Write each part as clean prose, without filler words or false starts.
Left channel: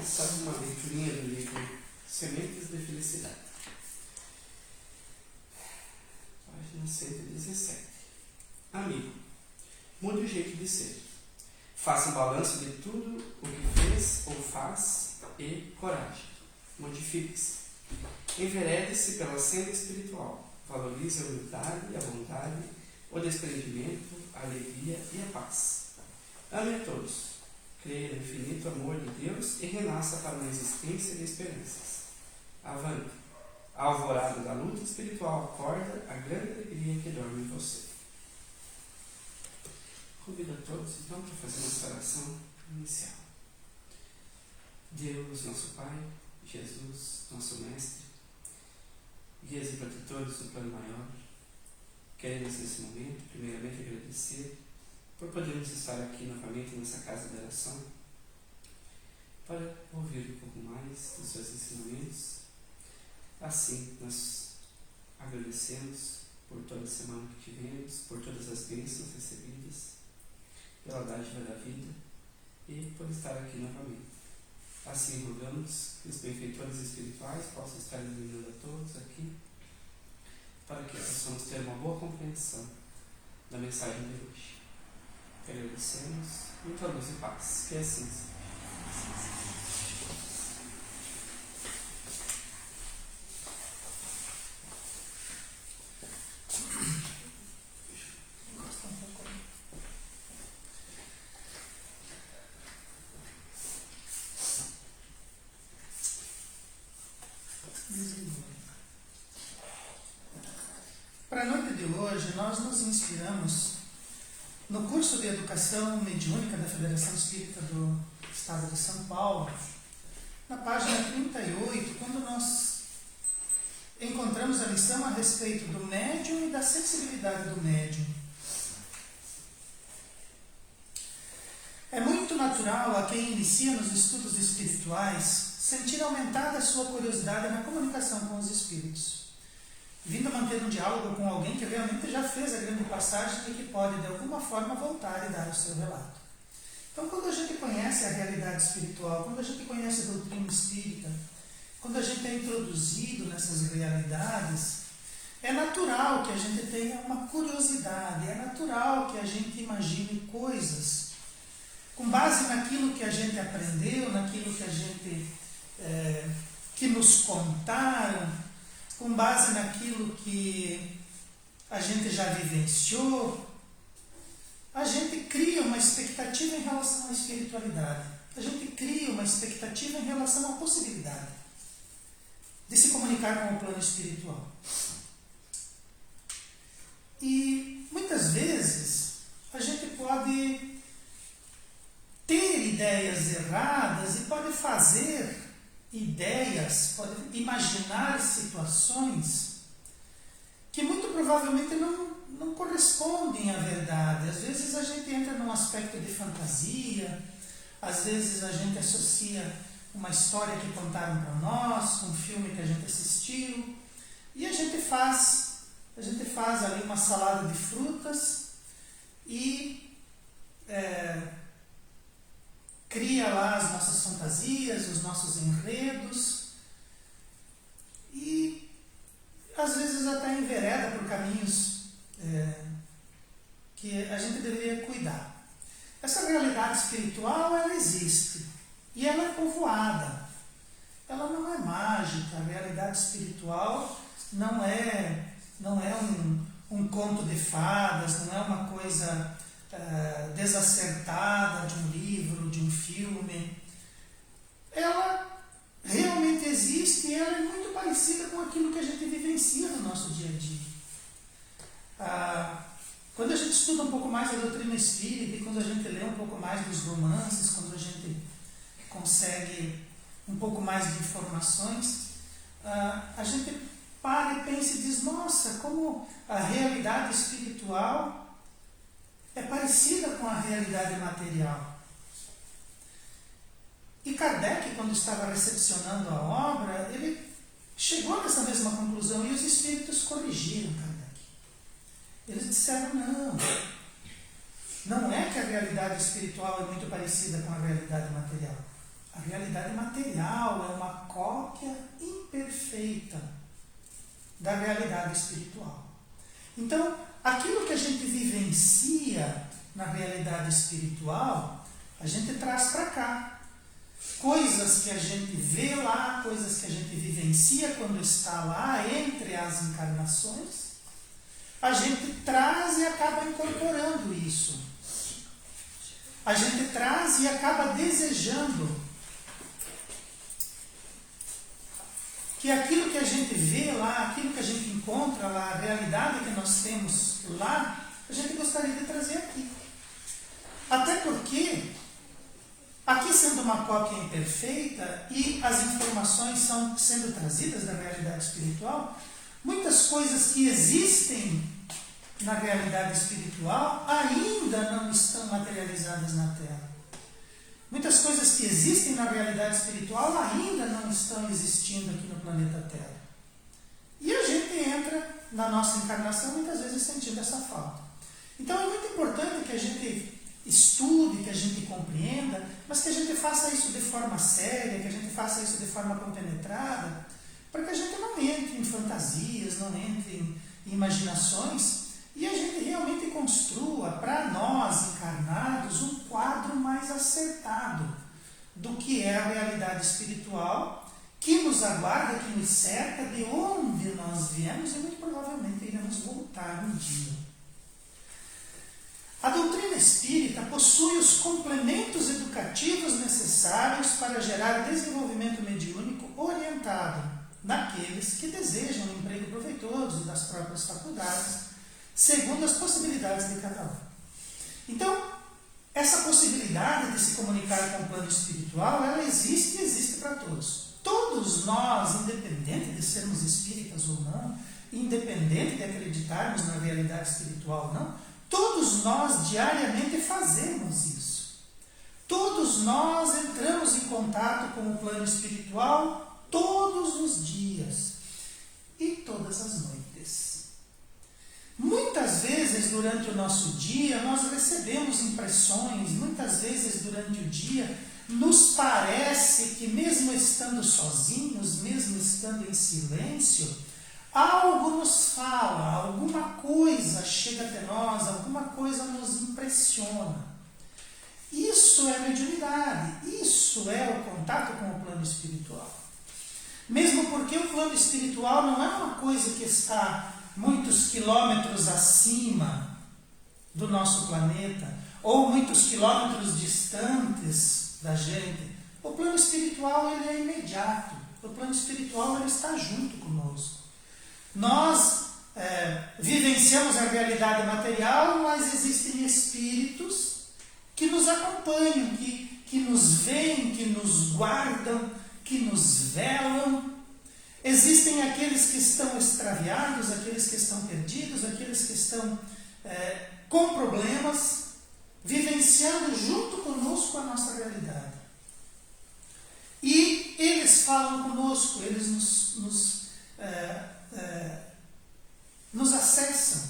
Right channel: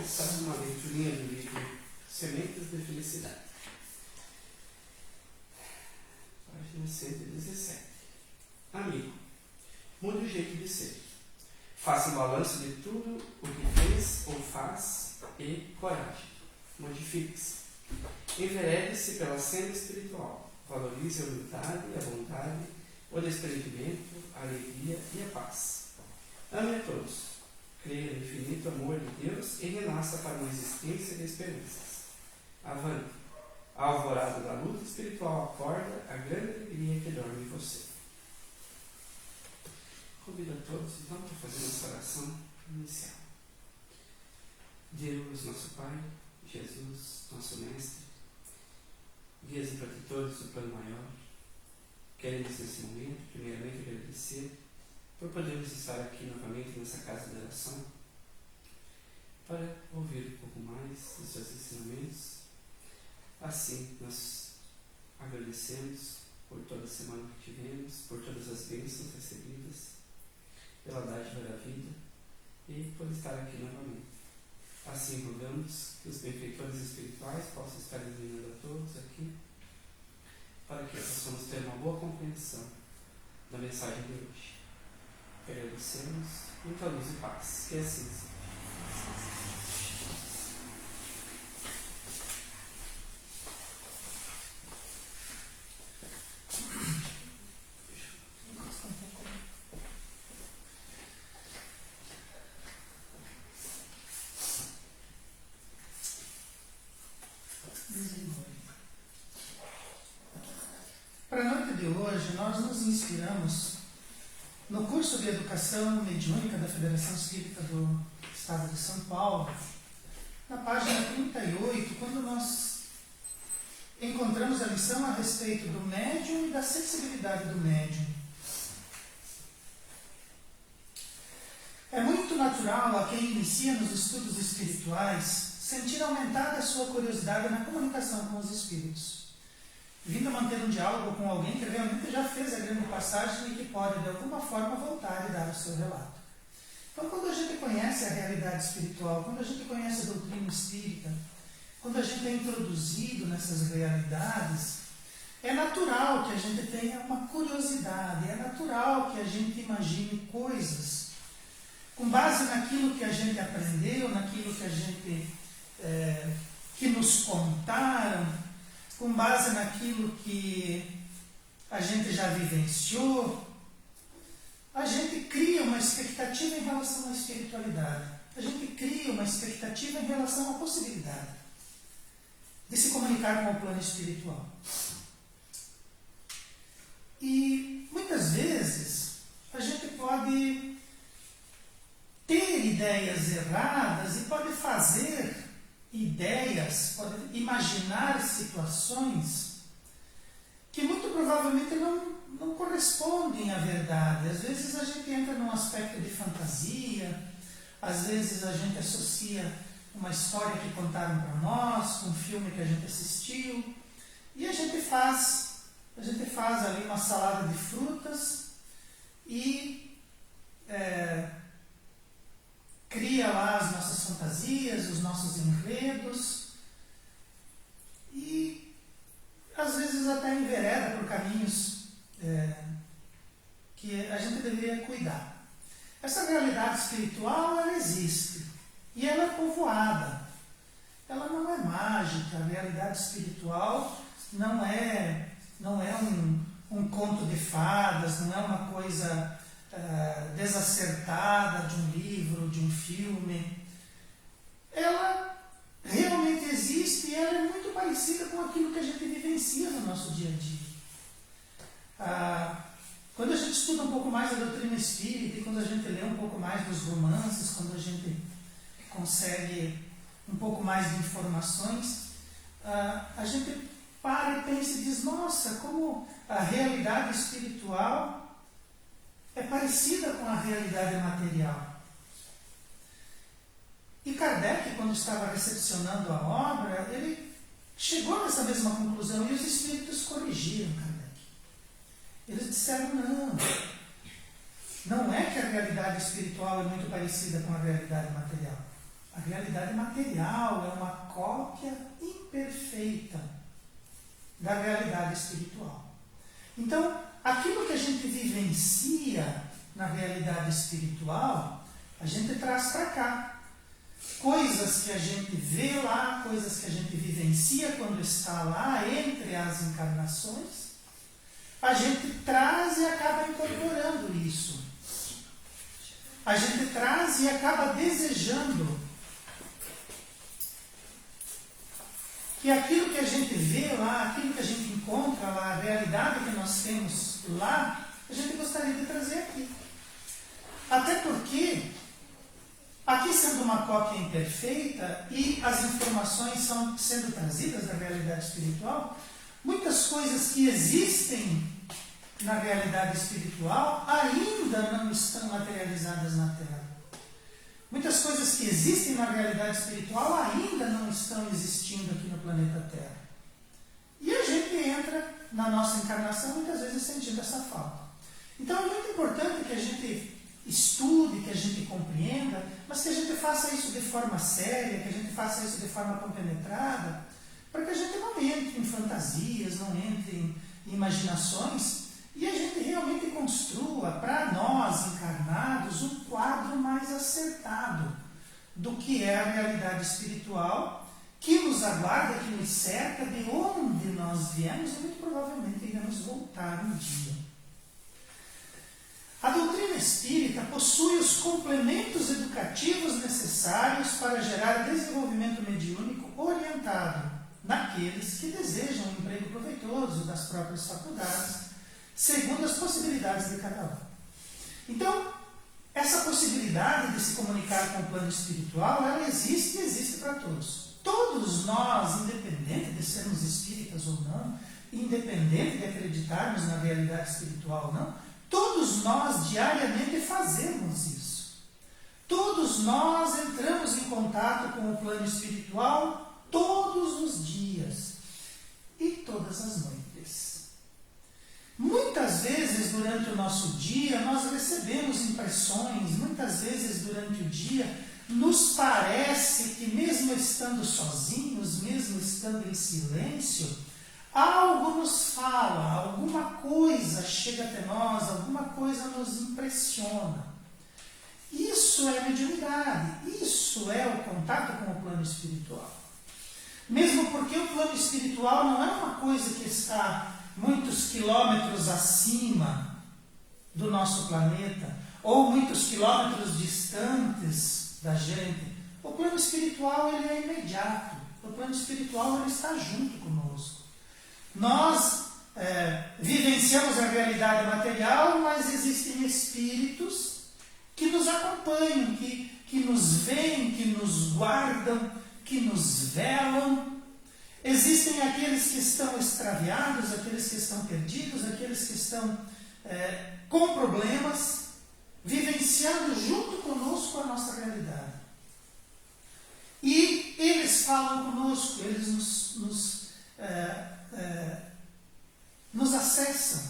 começar uma leiturinha do livro Sementes de Felicidade. Página 117. Amigo, mude o jeito de ser. Faça um balanço de tudo o que fez ou faz e coragem. Modifique-se. Enverede-se pela senda espiritual. Valorize a humildade, a bondade, o desprendimento, a alegria e a paz. Ame a todos. Creia no infinito amor de Deus e renasça para uma existência de esperanças. Avante. A alvorada da luta espiritual acorda a grande alegria que dorme em você. Convido a todos, então, para fazer essa oração inicial. Deus, nosso Pai, Jesus, nosso Mestre, guias e protetores do plano maior, queremos nesse momento, primeiramente, agradecer por podermos estar aqui novamente nessa casa de oração para ouvir um pouco mais dos seus ensinamentos. Assim, nós agradecemos por toda a semana que tivemos, por todas as bênçãos recebidas, pela dádiva da vida e por estar aqui novamente. Assim, rogamos que os benfeitores espirituais possam estar iluminando a todos aqui, para que possamos ter uma boa compreensão da mensagem de hoje. Agradecemos, muita luz e paz. Que assim seja. Para a noite de hoje, nós nos inspiramos no curso de Educação Mediúnica da Federação Espírita do Estado de São Paulo, na página 38, quando nós encontramos a lição a respeito do médium e da sensibilidade do médium. É muito natural a quem inicia nos estudos espirituais sentir aumentada a sua curiosidade na comunicação com os espíritos, vindo a manter um diálogo com alguém que realmente já fez a grande passagem e que pode, de alguma forma, voltar e dar o seu relato. Então, quando a gente conhece a realidade espiritual, quando a gente conhece a doutrina espírita, quando a gente é introduzido nessas realidades, é natural que a gente tenha uma curiosidade, é natural que a gente imagine coisas com base naquilo que a gente aprendeu, naquilo que a gente que nos contaram, com base naquilo que a gente já vivenciou. A gente cria uma expectativa em relação à espiritualidade. A gente cria uma expectativa em relação à possibilidade de se comunicar com o plano espiritual. E muitas vezes a gente pode ter ideias erradas e pode fazer ideias, pode imaginar situações que muito provavelmente não correspondem à verdade. Às vezes a gente entra num aspecto de fantasia, às vezes a gente associa uma história que contaram para nós, um filme que a gente assistiu, e a gente faz ali uma salada de frutas e cria lá as nossas fantasias, os nossos enredos, e às vezes até envereda por caminhos que a gente deveria cuidar. Essa realidade espiritual, ela existe, e ela é povoada. Ela não é mágica. A realidade espiritual não é um conto de fadas, não é uma coisa desacertada de um livro, de um filme. Ela realmente existe e ela é muito parecida com aquilo que a gente vivencia no nosso dia a dia. Quando a gente estuda um pouco mais a doutrina espírita e quando a gente lê um pouco mais dos romances, quando a gente consegue um pouco mais de informações, a gente para e pensa e diz: nossa, como a realidade espiritual é parecida com a realidade material. E Kardec, quando estava recepcionando a obra, ele chegou nessa mesma conclusão e os espíritos corrigiram Kardec. Eles disseram: não é que a realidade espiritual é muito parecida com a realidade material. A realidade realidade material é uma cópia imperfeita da realidade espiritual. Então, aquilo que a gente vivencia na realidade espiritual, a gente traz para cá. Coisas que a gente vê lá, coisas que a gente vivencia quando está lá entre as encarnações, a gente traz e acaba incorporando isso. A gente traz e acaba desejando que aquilo que a gente vê lá, aquilo que a gente encontra lá, a realidade que nós temos lá, a gente gostaria de trazer aqui. Até porque, aqui sendo uma cópia imperfeita e as informações são sendo trazidas da realidade espiritual, muitas coisas que existem na realidade espiritual ainda não estão materializadas na Terra. Muitas coisas que existem na realidade espiritual ainda não estão existindo aqui no planeta Terra. E a gente entra na nossa encarnação muitas vezes sentindo essa falta. Então é muito importante que a gente estude, que a gente compreenda, mas que a gente faça isso de forma séria, que a gente faça isso de forma compenetrada, para que a gente não entre em fantasias, não entre em imaginações, e a gente realmente construa para nós encarnados um quadro mais acertado do que é a realidade espiritual que nos aguarda, que nos cerca, de onde nós viemos e muito provavelmente iremos voltar um dia. A doutrina espírita possui os complementos educativos necessários para gerar desenvolvimento mediúnico orientado naqueles que desejam um emprego proveitoso das próprias faculdades, segundo as possibilidades de cada um. Então, essa possibilidade de se comunicar com o plano espiritual, ela existe e existe para todos. Todos nós, independente de sermos espíritas ou não, independente de acreditarmos na realidade espiritual ou não, todos nós diariamente fazemos isso. Todos nós entramos em contato com o plano espiritual todos os dias e todas as noites. Muitas vezes durante o nosso dia nós recebemos impressões, muitas vezes durante o dia nos parece que mesmo estando sozinhos, mesmo estando em silêncio, algo nos fala, alguma coisa chega até nós, alguma coisa nos impressiona. Isso é mediunidade, isso é o contato com o plano espiritual. Mesmo porque o plano espiritual não é uma coisa que está muitos quilômetros acima do nosso planeta, ou muitos quilômetros distantes da gente. O plano espiritual ele é imediato, o plano espiritual ele está junto conosco. Nós vivenciamos a realidade material, mas existem espíritos que nos acompanham, que nos veem, que nos guardam, que nos velam. Existem aqueles que estão extraviados, aqueles que estão perdidos, aqueles que estão com problemas, vivenciando junto conosco a nossa realidade. E eles falam conosco, eles nos acessam.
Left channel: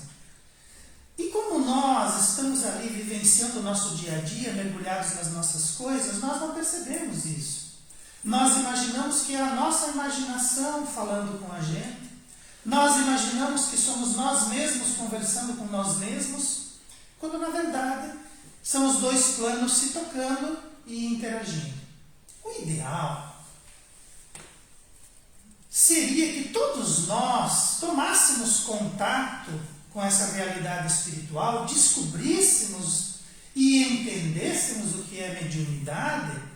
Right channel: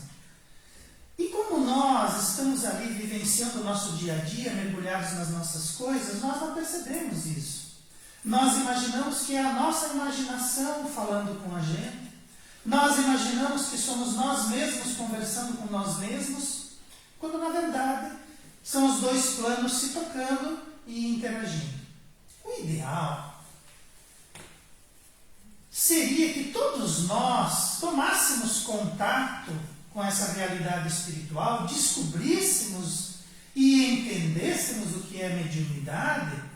E como nós estamos ali vivenciando o nosso dia a dia, mergulhados nas nossas coisas, nós não percebemos isso. Nós imaginamos que é a nossa imaginação falando com a gente. Nós imaginamos que somos nós mesmos conversando com nós mesmos, quando na verdade são os dois planos se tocando e interagindo. O ideal seria que todos nós tomássemos contato com essa realidade espiritual, descobríssemos e entendêssemos o que é mediunidade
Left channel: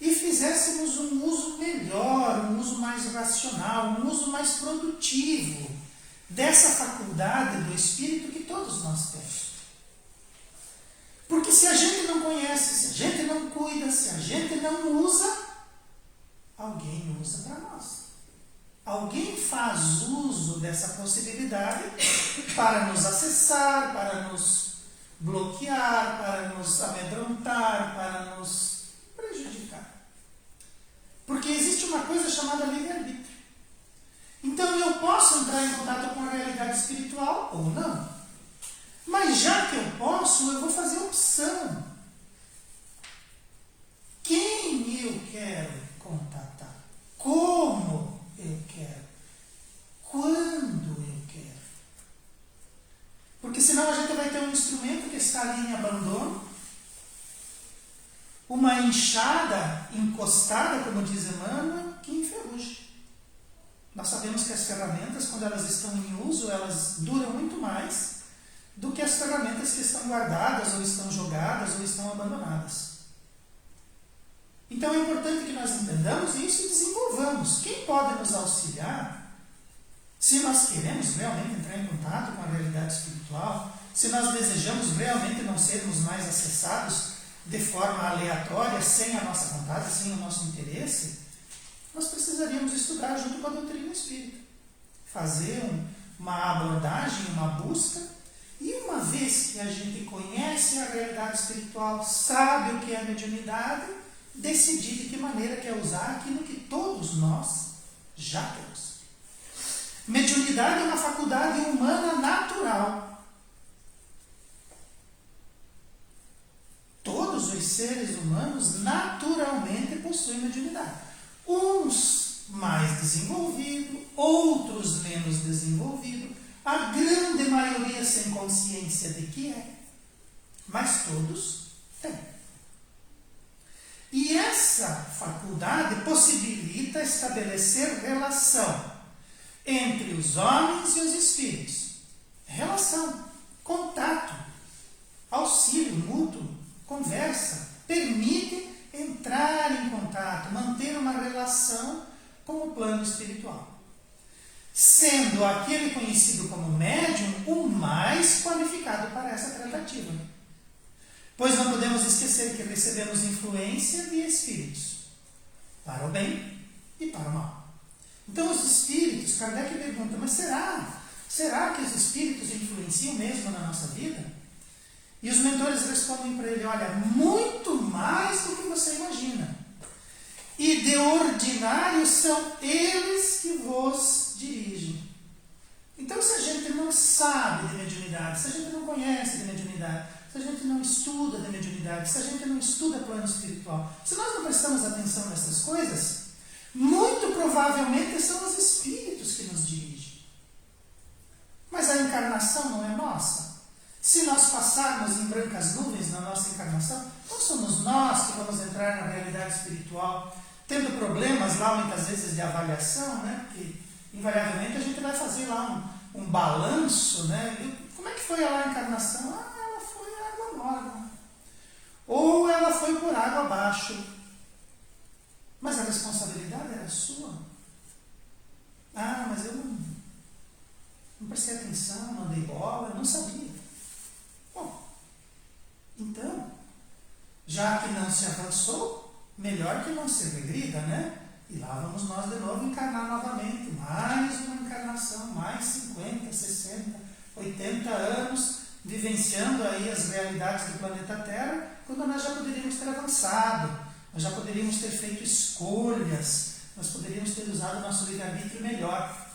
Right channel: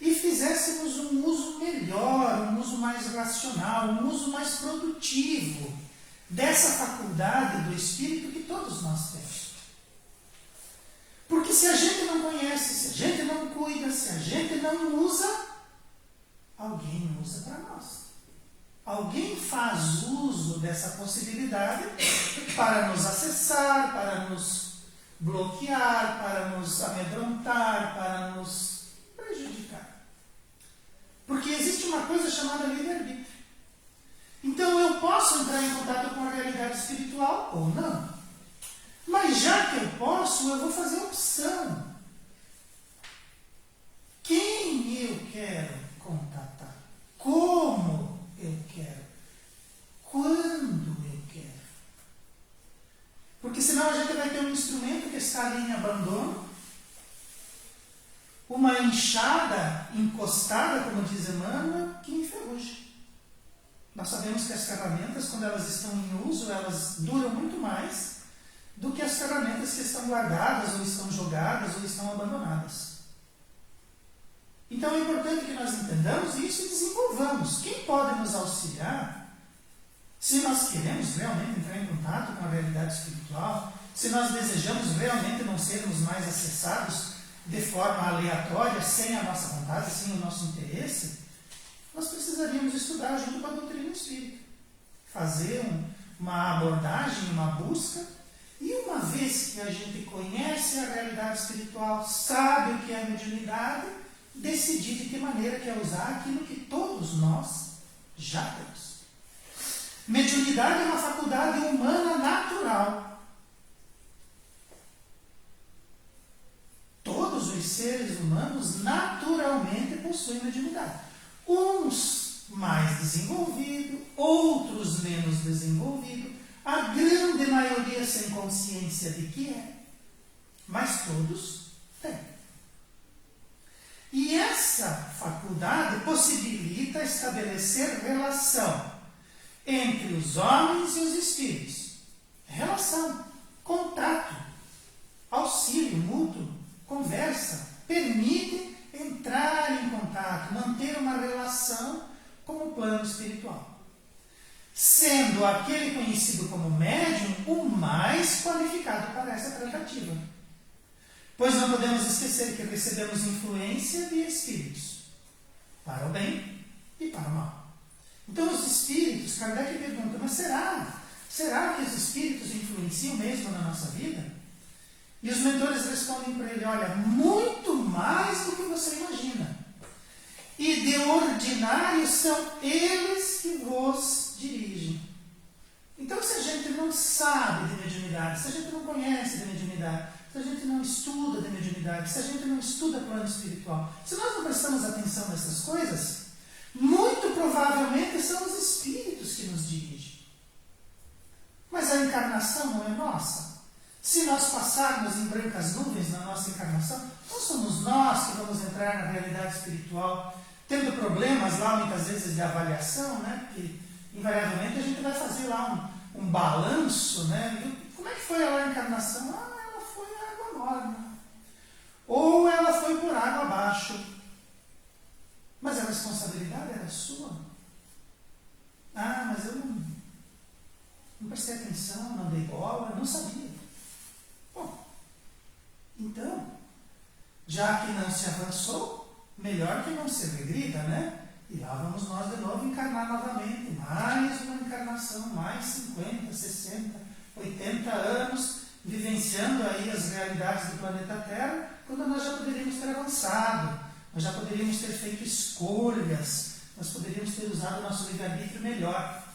e fizéssemos um uso melhor, um uso mais racional, um uso mais produtivo dessa faculdade do espírito que todos nós temos. Porque se a gente não conhece, se a gente não cuida, se a gente não usa, alguém usa para nós. Alguém faz uso dessa possibilidade para nos acessar, para nos bloquear, para nos amedrontar, para nos prejudicar. Porque existe uma coisa chamada livre-arbítrio. Então eu posso entrar em contato com a realidade espiritual ou não. Mas já que eu posso, eu vou fazer opção. Quem eu quero contatar? Como eu quero? Quando eu quero? Porque senão a gente vai ter um instrumento que está ali em abandono, uma enxada encostada, como diz Emmanuel, que enferruja. Nós sabemos que as ferramentas, quando elas estão em uso, elas duram muito mais do que as ferramentas que estão guardadas, ou estão jogadas, ou estão abandonadas. Então é importante que nós entendamos isso e desenvolvamos. Quem pode nos auxiliar, se nós queremos realmente entrar em contato com a realidade espiritual, se nós desejamos realmente não sermos mais acessados de forma aleatória, sem a nossa vontade, sem o nosso interesse, nós precisaríamos estudar junto com a doutrina espírita. Fazer uma abordagem, uma busca, e uma vez que a gente conhece a realidade espiritual, sabe o que é a mediunidade, decidir de que maneira quer usar aquilo que todos nós já temos. Mediunidade é uma faculdade humana natural. Todos os seres humanos naturalmente possuem mediunidade. Uns mais desenvolvidos, outros menos desenvolvidos, a grande maioria sem consciência de que é, mas todos têm. E essa faculdade possibilita estabelecer relação entre os homens e os espíritos. Relação, contato, auxílio mútuo, conversa, permite entrar em contato, manter uma relação com o plano espiritual. Sendo aquele conhecido como médium o mais qualificado para essa tentativa. Pois não podemos esquecer que recebemos influência de espíritos, para o bem e para o mal. Então os espíritos, Kardec pergunta, mas será que os espíritos influenciam mesmo na nossa vida? E os mentores respondem para ele, olha, muito mais do que você imagina. E de ordinário são eles que vos dirigem. Então se a gente não sabe de mediunidade, se a gente não conhece de mediunidade, se a gente não estuda de mediunidade, se a gente não estuda plano espiritual, se nós não prestamos atenção nessas coisas, muito provavelmente são os espíritos que nos dirigem. Mas a encarnação não é nossa. Se nós passarmos em brancas nuvens na nossa encarnação, não somos nós que vamos entrar na realidade espiritual, tendo problemas lá muitas vezes de avaliação, né? Que invariavelmente a gente vai fazer lá um balanço, né? Como é que foi a encarnação? Ela foi água morna. Ou ela foi por água abaixo. Mas a responsabilidade era sua. Mas eu não prestei atenção, não dei bola, não sabia. Bom, então, já que não se avançou, melhor que não se regrida, né? E lá vamos nós de novo encarnar novamente. Mais uma encarnação, mais 50, 60, 80 anos, vivenciando aí as realidades do planeta Terra, quando nós já poderíamos ter avançado, nós já poderíamos ter feito escolhas, nós poderíamos ter usado o nosso livre-arbítrio melhor.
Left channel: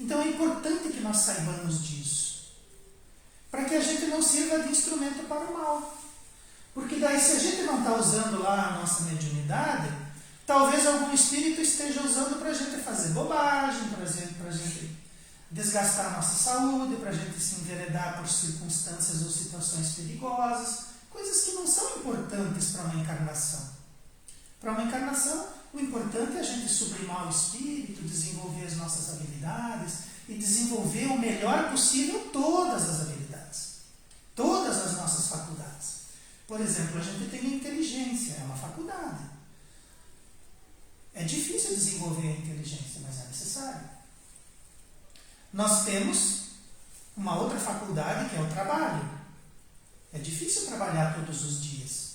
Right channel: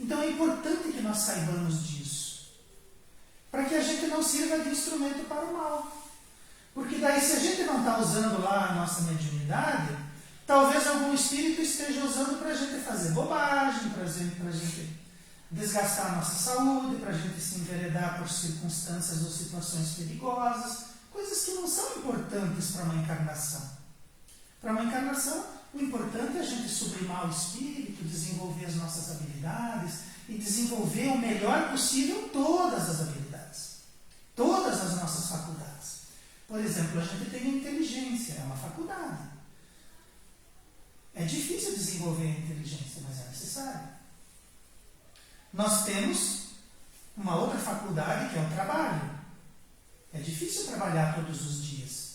Então é importante que nós saibamos disso, para que a gente não sirva de instrumento para o mal. Porque daí, se a gente não está usando lá a nossa mediunidade, talvez algum espírito esteja usando para a gente fazer bobagem, para a gente desgastar a nossa saúde, para a gente se enveredar por circunstâncias ou situações perigosas, coisas que não são importantes para uma encarnação. Para uma encarnação, o importante é a gente sublimar o espírito, desenvolver as nossas habilidades e desenvolver o melhor possível todas as habilidades, todas as nossas faculdades. Por exemplo, a gente tem a inteligência, é uma faculdade. É difícil desenvolver a inteligência, mas é necessário. Nós temos uma outra faculdade que é o trabalho. É difícil trabalhar todos os dias,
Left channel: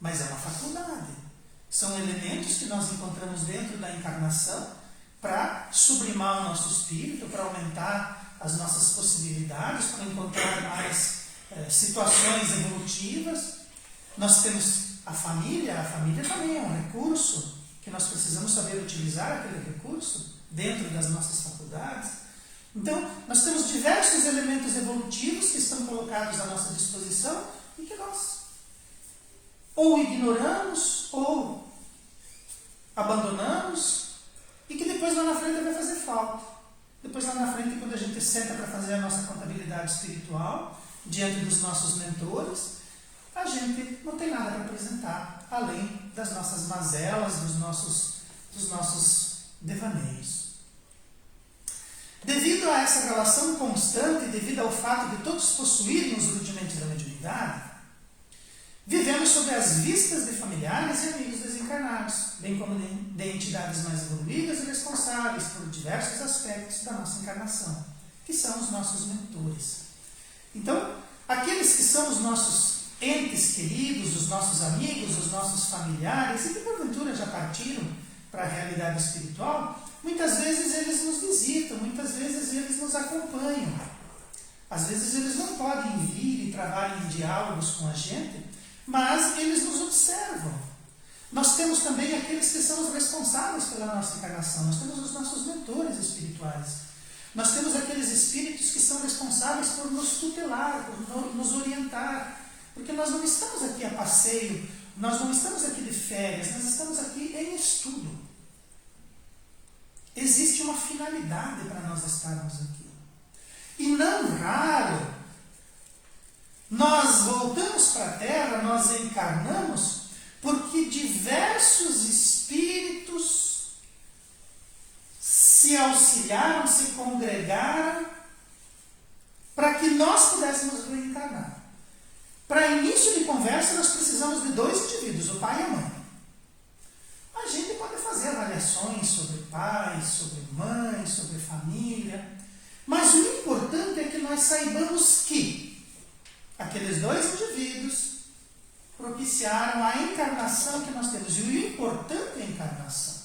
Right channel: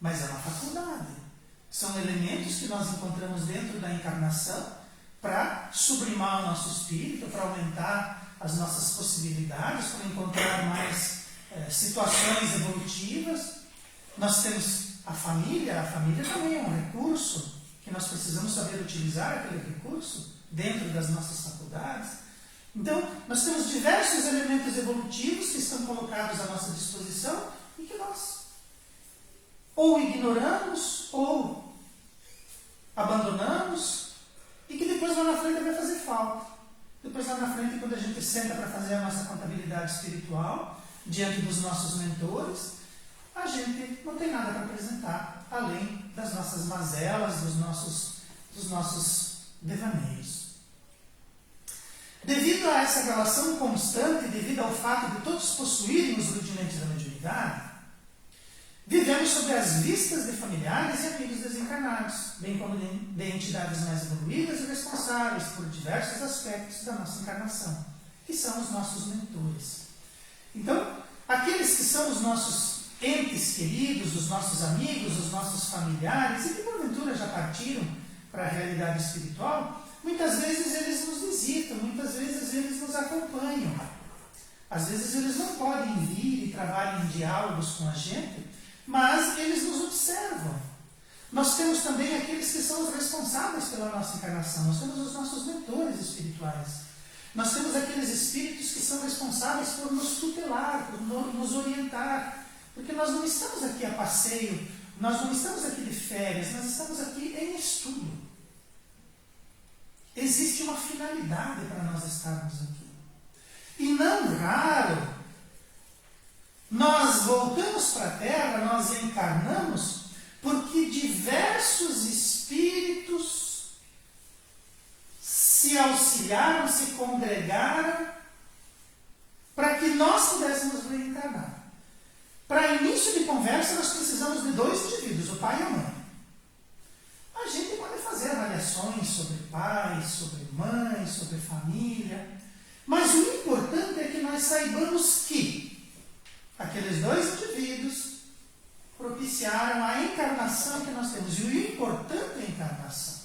mas é uma faculdade. São elementos que nós encontramos dentro da encarnação para sublimar o nosso espírito, para aumentar as nossas possibilidades, para encontrar mais situações evolutivas. Nós temos a família também é um recurso que nós precisamos saber utilizar aquele recurso dentro das nossas faculdades. Então, nós temos diversos elementos evolutivos que estão colocados à nossa disposição e que nós ou ignoramos ou abandonamos abandonamos e que depois lá na frente vai fazer falta. Depois lá na frente, quando a gente senta para fazer a nossa contabilidade espiritual, diante dos nossos mentores, a gente não tem nada para apresentar, além das nossas mazelas, dos nossos devaneios. Devido a essa relação constante, devido ao fato de todos possuírem os rudimentos da mediunidade, vivemos sob as vistas de familiares e amigos desencarnados, bem como de entidades mais evoluídas e responsáveis por diversos aspectos da nossa encarnação, que são os nossos mentores. Então, aqueles que são os nossos entes queridos, os nossos amigos, os nossos familiares, e que porventura já partiram para a realidade espiritual, muitas vezes eles nos visitam, muitas vezes eles nos acompanham. Às vezes eles não podem vir e trabalham em diálogos com a gente, mas eles nos observam. Nós temos também aqueles que são os responsáveis pela nossa encarnação. Nós temos os nossos mentores espirituais. Nós temos aqueles espíritos que são responsáveis por nos tutelar, por nos orientar. Porque nós não estamos aqui a passeio, nós não estamos aqui de férias, nós estamos aqui em estudo. Existe uma finalidade para nós estarmos aqui. E não raro, nós voltamos para a Terra, nós encarnamos, porque diversos espíritos se auxiliaram, se congregaram, para que nós pudéssemos reencarnar. Para início de conversa, nós precisamos de dois indivíduos, o pai e a mãe. A gente pode fazer avaliações sobre pai, sobre mãe, sobre família, mas o importante é que nós saibamos que aqueles dois indivíduos propiciaram a encarnação que nós temos. E o importante é a encarnação.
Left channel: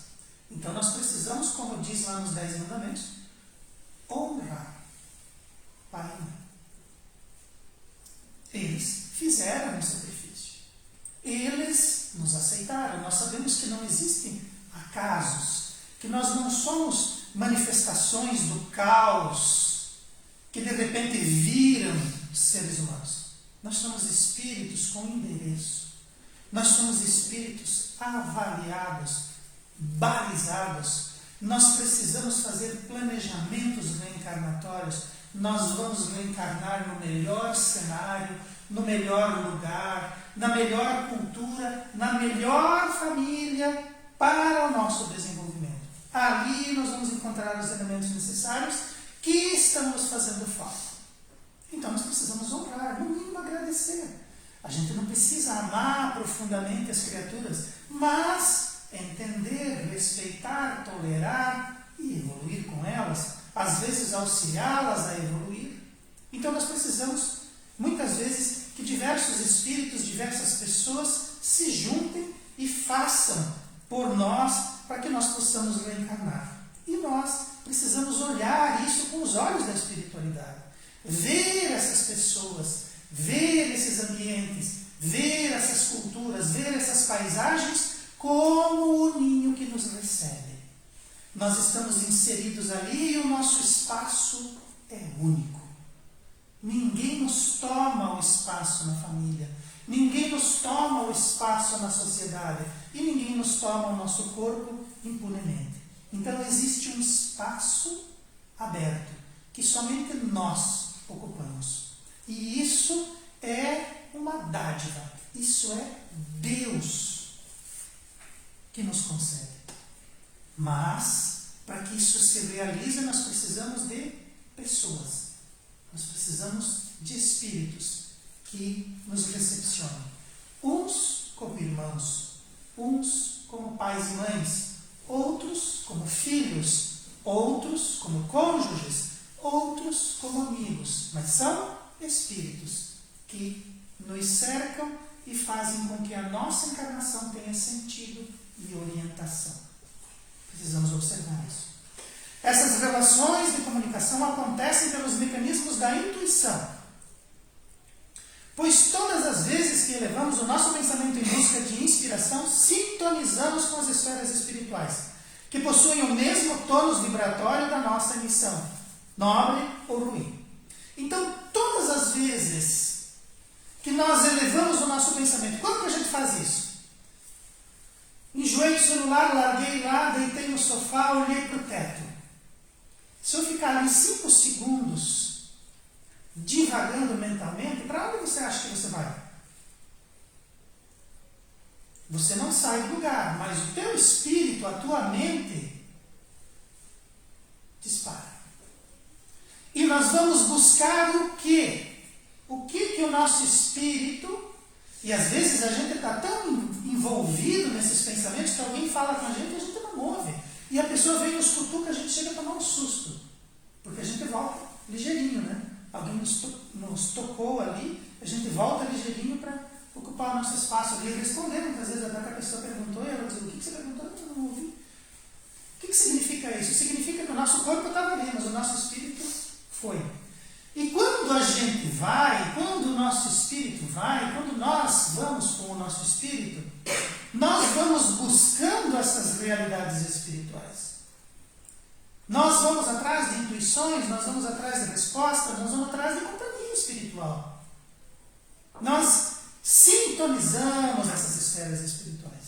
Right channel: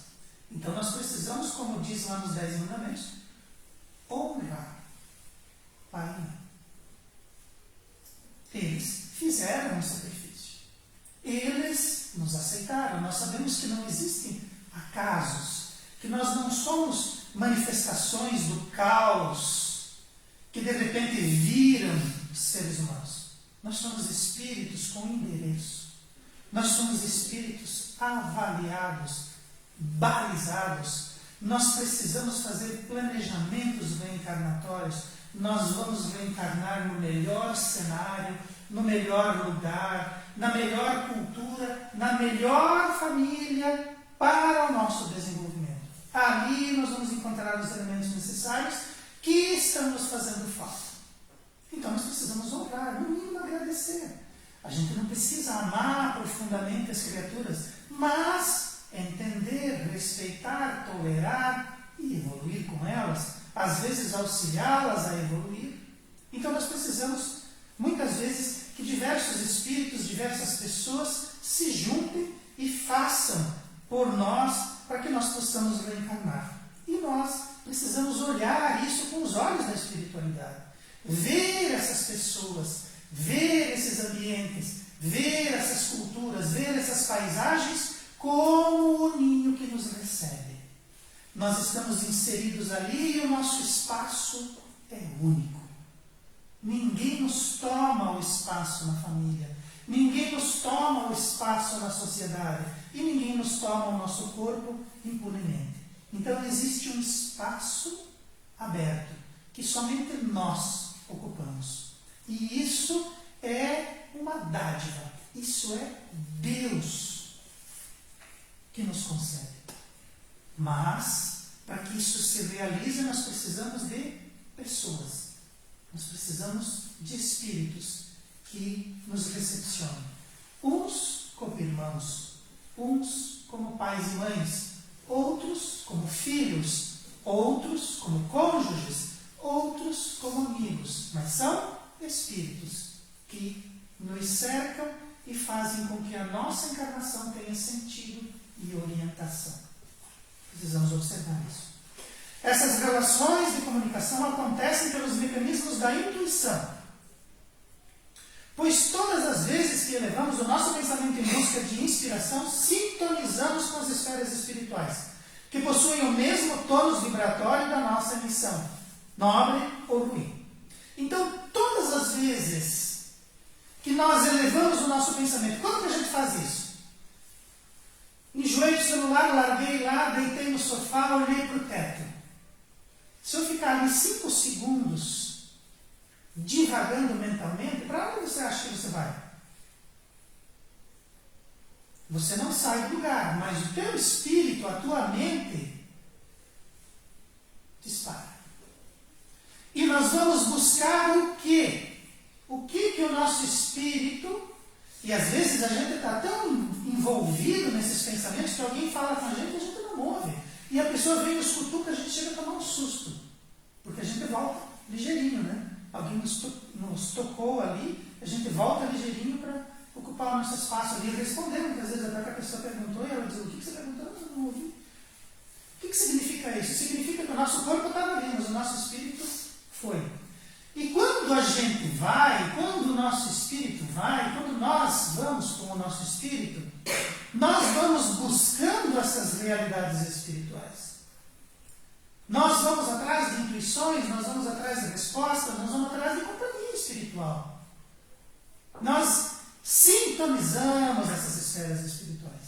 Então nós precisamos, como diz lá nos 10 mandamentos, honrar pai e mãe. Eles fizeram um sacrifício. Eles nos aceitaram. Nós sabemos que não existem acasos, que nós não somos manifestações do caos, que de repente viram seres humanos. Nós somos espíritos com endereço. Nós somos espíritos avaliados, balizados. Nós precisamos fazer planejamentos reencarnatórios. Nós vamos reencarnar no melhor cenário, no melhor lugar, na melhor cultura, na melhor família para o nosso desenvolvimento. Ali nós vamos encontrar os elementos necessários que estão nos fazendo falta. Então nós precisamos honrar, no mínimo agradecer. A gente não precisa amar profundamente as criaturas, mas entender, respeitar, tolerar e evoluir com elas. Às vezes auxiliá-las a evoluir. Então nós precisamos, muitas vezes, que diversos espíritos, diversas pessoas se juntem e façam por nós, para que nós possamos reencarnar. E nós precisamos olhar isso com os olhos da espiritualidade. Ver essas pessoas, ver esses ambientes, ver essas culturas, ver essas paisagens como o ninho que nos recebe. Nós estamos inseridos ali e o nosso espaço é único. Ninguém nos toma o espaço na família, ninguém nos toma o espaço na sociedade e ninguém nos toma o nosso corpo impunemente. Então existe um espaço aberto que somente nós ocupamos. E isso é uma dádiva, isso é Deus que nos concede. Mas, para que isso se realize, nós precisamos de pessoas. Nós precisamos de espíritos que nos recepcionem. Uns como irmãos, uns como pais e mães, outros como filhos, outros como cônjuges, outros como amigos. Mas são espíritos que nos cercam e fazem com que a nossa encarnação tenha sentido e orientação. Precisamos observar isso. Essas relações de comunicação acontecem pelos mecanismos da intuição. Pois todas as vezes que elevamos o nosso pensamento em busca de inspiração, sintonizamos com as esferas espirituais, que possuem o mesmo tônus vibratório da nossa emissão, nobre ou ruim. Então, todas as vezes que nós elevamos o nosso pensamento, como que a gente faz isso? enjoei do celular, larguei lá, deitei no sofá, olhei para o teto. Se eu ficar ali 5 segundos divagando mentalmente, para onde você acha que você vai? Você não sai do lugar, mas o teu espírito, a tua mente, dispara. E nós vamos buscar o quê? O que o nosso espírito, e às vezes a gente está tão envolvido nesses pensamentos que alguém fala com a gente não move. E a pessoa vem nos cutuca, a gente chega a tomar um susto. Porque a gente volta ligeirinho, né? Alguém nos tocou ali, a gente volta ligeirinho para ocupar o nosso espaço ali e responder. Muitas vezes até que a pessoa perguntou e ela diz, o que você perguntou? Não ouvi. O que significa isso? Significa que o nosso corpo estava ali, mas o nosso espírito foi. E quando a gente vai, quando o nosso espírito vai, quando nós vamos com o nosso espírito, nós vamos buscando essas realidades espirituais. Nós vamos atrás de intuições, nós vamos atrás de respostas, nós vamos atrás de companhia espiritual. Nós sintonizamos essas esferas espirituais.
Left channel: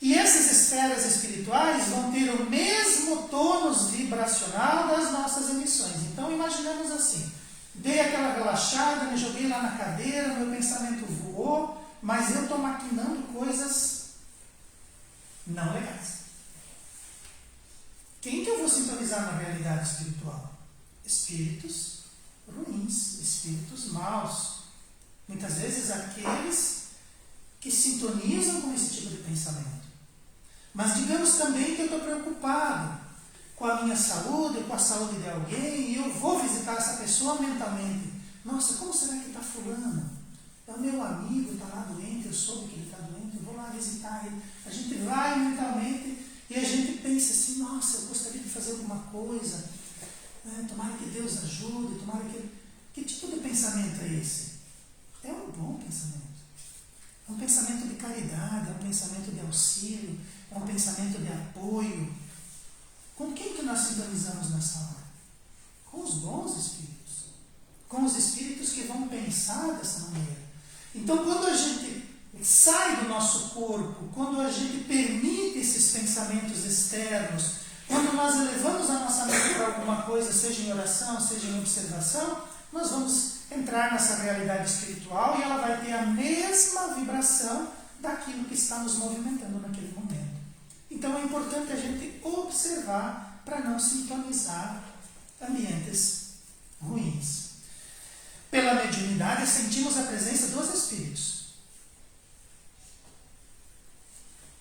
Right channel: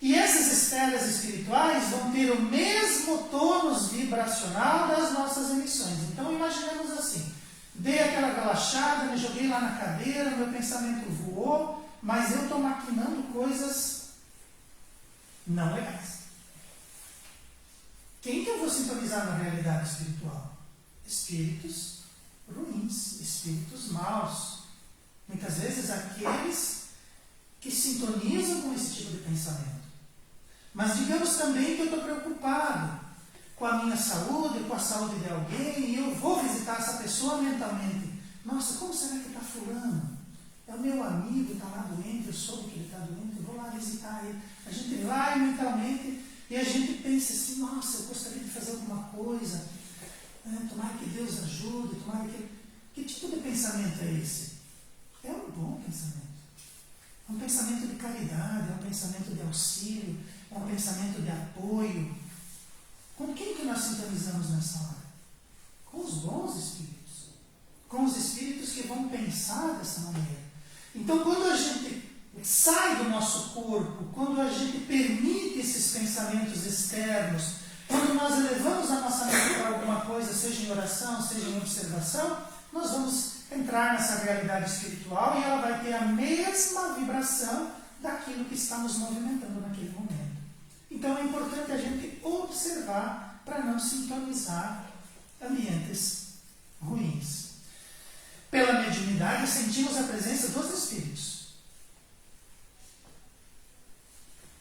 E essas esferas espirituais vão ter o mesmo tônus vibracional das nossas emissões. Então imaginemos assim, dei aquela relaxada, me joguei lá na cadeira, meu pensamento voou, mas eu estou maquinando coisas não legais. Quem que eu vou sintonizar na realidade espiritual? Espíritos ruins, espíritos maus. Muitas vezes aqueles que sintonizam com esse tipo de pensamento. Mas digamos também que eu estou preocupado com a minha saúde, com a saúde de alguém, e eu vou visitar essa pessoa mentalmente. Nossa, como será que está fulano? É o meu amigo, está lá doente, eu soube que ele está doente, eu vou lá visitar ele. A gente vai mentalmente e a gente pensa assim, nossa, eu gostaria de fazer alguma coisa, tomara que Deus ajude, tomara que... Que tipo de pensamento é esse? É um bom pensamento. Um pensamento de caridade, um pensamento de auxílio, um pensamento de apoio. Com quem que nós sintonizamos nessa hora? Com os bons espíritos. Com os espíritos que vão pensar dessa maneira. Então, quando a gente sai do nosso corpo, quando a gente permite esses pensamentos externos, quando nós elevamos a nossa mente para alguma coisa, seja em oração, seja em observação, nós vamos entrar nessa realidade espiritual e ela vai ter a mesma vibração daquilo que está nos movimentando naquele momento. Então é importante a gente observar para não sintonizar ambientes ruins. Pela mediunidade sentimos a presença dos espíritos.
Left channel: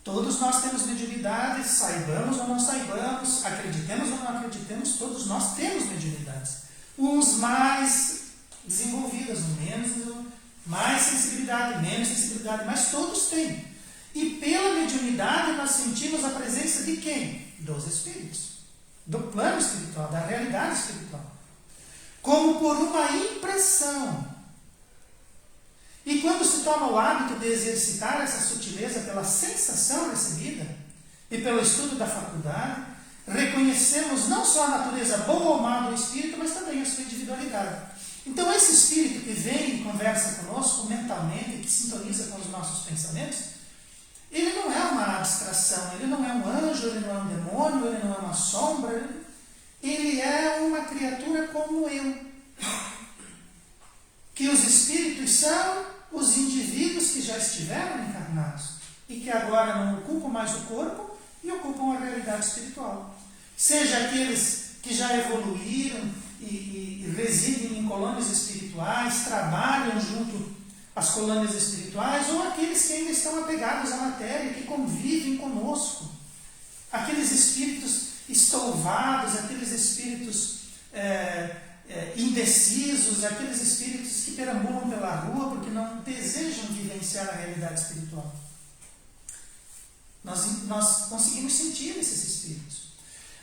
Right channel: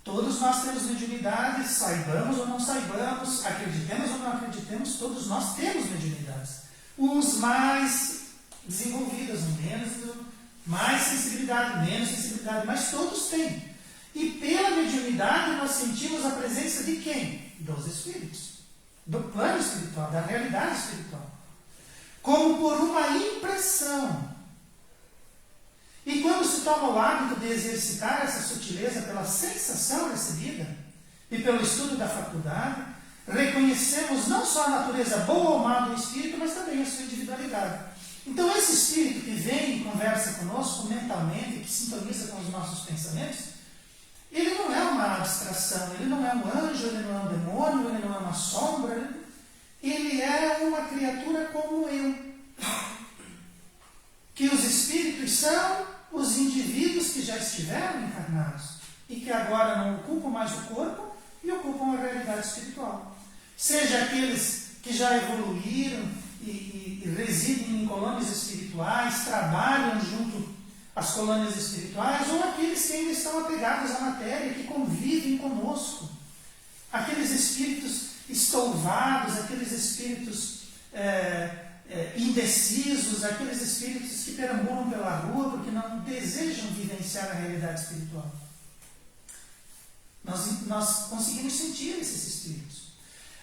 Todos nós temos mediunidade, saibamos ou não saibamos, acreditemos ou não acreditemos, todos nós temos mediunidades. Uns mais desenvolvidas, mais sensibilidade, menos sensibilidade, mas todos têm. E pela mediunidade nós sentimos a presença de quem? Dos espíritos. Do plano espiritual, da realidade espiritual. Como por uma impressão. E quando se toma o hábito de exercitar essa sutileza pela sensação recebida e pelo estudo da faculdade, reconhecemos não só a natureza boa ou má do espírito, mas também a sua individualidade. Então esse espírito que vem e conversa conosco mentalmente, que sintoniza com os nossos pensamentos, ele não é uma abstração, ele não é um anjo, ele não é um demônio, ele não é uma sombra, ele é uma criatura como eu. Que os espíritos são os indivíduos que já estiveram encarnados e que agora não ocupam mais o corpo e ocupam a realidade espiritual. Seja aqueles que já evoluíram e residem em colônias espirituais, trabalham junto às colônias espirituais, ou aqueles que ainda estão apegados à matéria, que convivem conosco. Aqueles espíritos estouvados, aqueles espíritos indecisos, aqueles espíritos que perambulam pela rua porque não desejam vivenciar a realidade espiritual. Nós conseguimos sentir esses espíritos.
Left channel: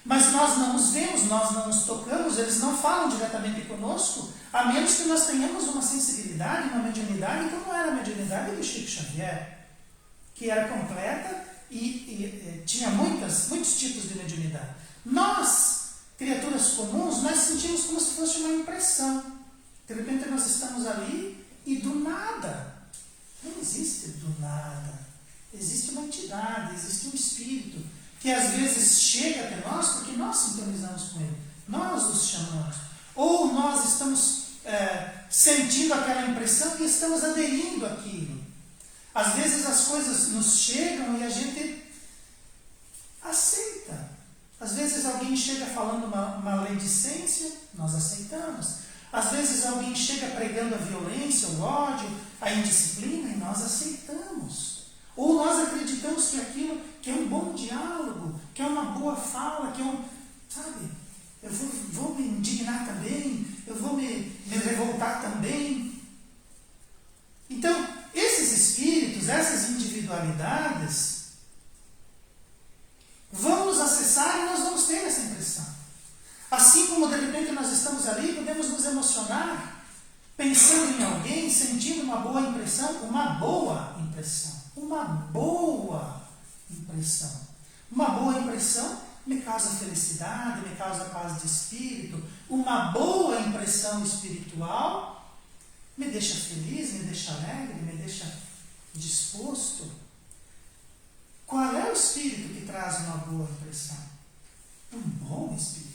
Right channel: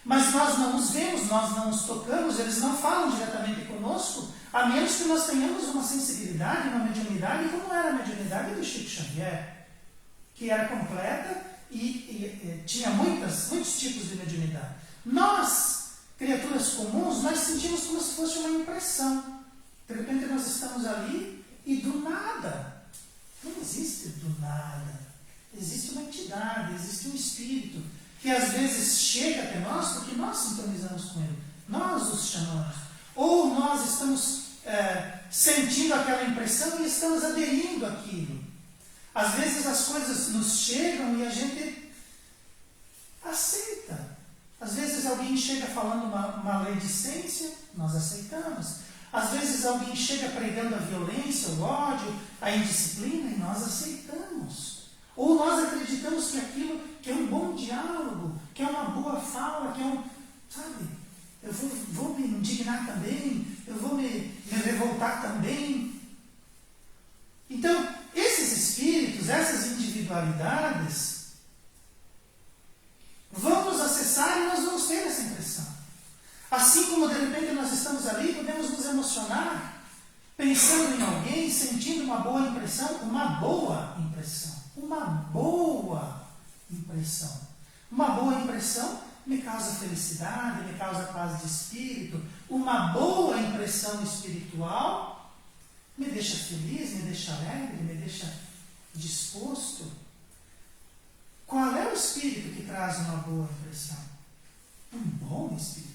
Mas nós não os vemos, nós não os tocamos, eles não falam diretamente conosco, a menos que nós tenhamos uma sensibilidade, uma mediunidade, como era a mediunidade de Chico Xavier, que era completa e tinha muitos tipos de mediunidade. Nós, criaturas comuns, nós sentimos como se fosse uma impressão. De repente nós estamos ali e do nada, não existe do nada, existe uma entidade entidade, existe um espírito que às vezes chega até nós porque nós sintonizamos com ele, nós os chamamos, ou nós estamos sentindo aquela impressão e estamos aderindo àquilo. Às vezes as coisas nos chegam e a gente aceita. Às vezes alguém chega falando uma maledicência, nós aceitamos. Às vezes alguém chega pregando a violência, o ódio, a indisciplina e nós aceitamos. Ou nós acreditamos que aquilo que é um bom diálogo, que é uma boa fala, que é um... Sabe? Eu vou me indignar também, eu vou me revoltar também. Então, esses espíritos, essas individualidades, vão nos acessar e nós vamos ter essa impressão. Assim como de repente nós estamos ali, podemos nos emocionar, pensando em alguém, sentindo uma boa impressão, uma boa impressão. Uma boa impressão. Uma boa impressão me causa felicidade, me causa paz de espírito. Uma boa impressão espiritual me deixa feliz, me deixa alegre, me deixa disposto. Qual é o espírito que traz uma boa impressão? Um bom espírito.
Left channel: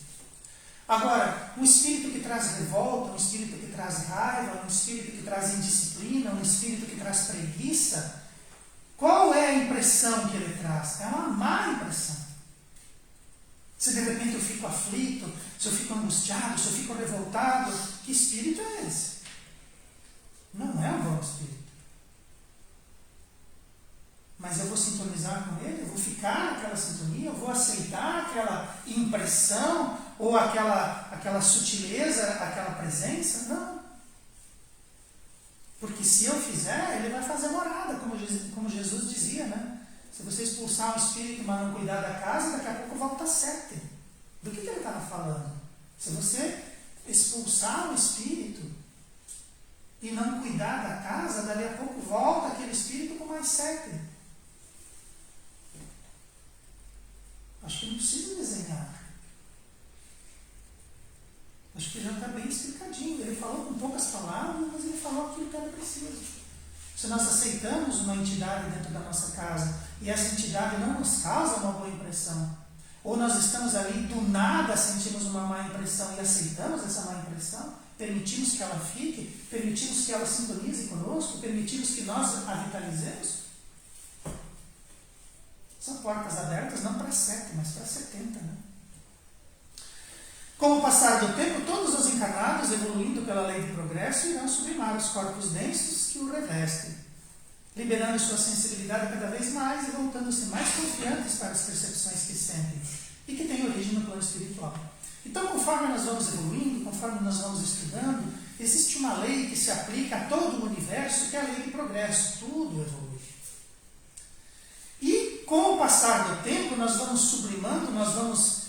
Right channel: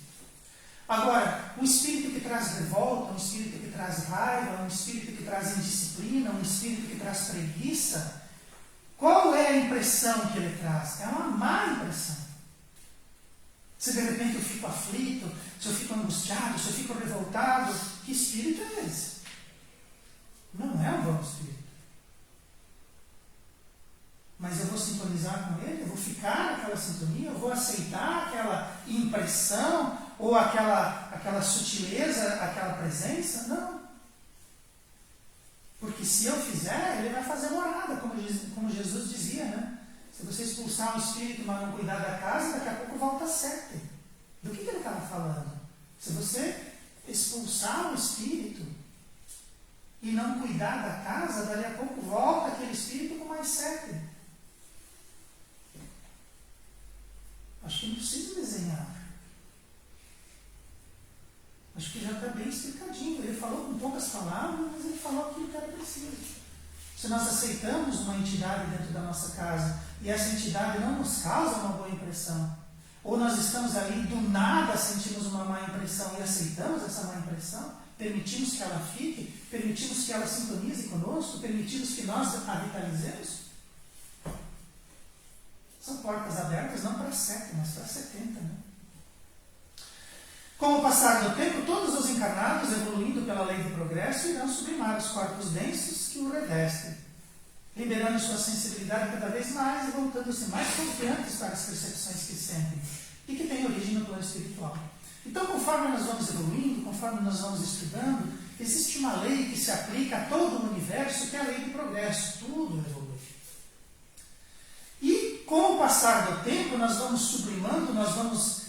Agora, um espírito que traz revolta, um espírito que traz raiva, um espírito que traz indisciplina, um espírito que traz preguiça, qual é a impressão que ele traz? É uma má impressão. Se de repente eu fico aflito, se eu fico angustiado, se eu fico revoltado, que espírito é esse? Não é um bom espírito. Mas eu vou sintonizar com ele, eu vou ficar naquela sintonia, eu vou aceitar aquela impressão ou aquela sutileza, aquela presença? Não. Porque se eu fizer, ele vai fazer morada, como Jesus dizia, né? Se você expulsar um espírito, mas não cuidar da casa, daqui a pouco volta 7. Do que ele estava falando? Se você expulsar um espírito e não cuidar da casa, dali a pouco volta aquele espírito com mais 7. Acho que não preciso desenhar. Acho que já está bem explicadinho. Ele falou com poucas palavras, mas ele falou aquilo que era preciso. Se nós aceitamos uma entidade dentro da nossa casa e essa entidade não nos causa uma boa impressão, ou nós estamos ali do nada sentimos uma má impressão e aceitamos essa má impressão, permitimos que ela fique, permitimos que ela sintonize conosco, permitimos que nós a vitalizemos, são portas abertas não para 7, mas para 70, né? Com o passar do tempo, todos os encarnados, evoluindo pela lei do progresso, irão sublimar os corpos densos que o revestem, liberando sua sensibilidade cada vez mais e voltando-se mais confiantes para as percepções que sentem e que têm origem no plano espiritual. Então, conforme nós vamos evoluindo, conforme nós vamos estudando, existe uma lei que se aplica a todo o universo, que é a lei do progresso. Tudo evolui. E, com o passar do tempo, nós vamos sublimando, nós vamos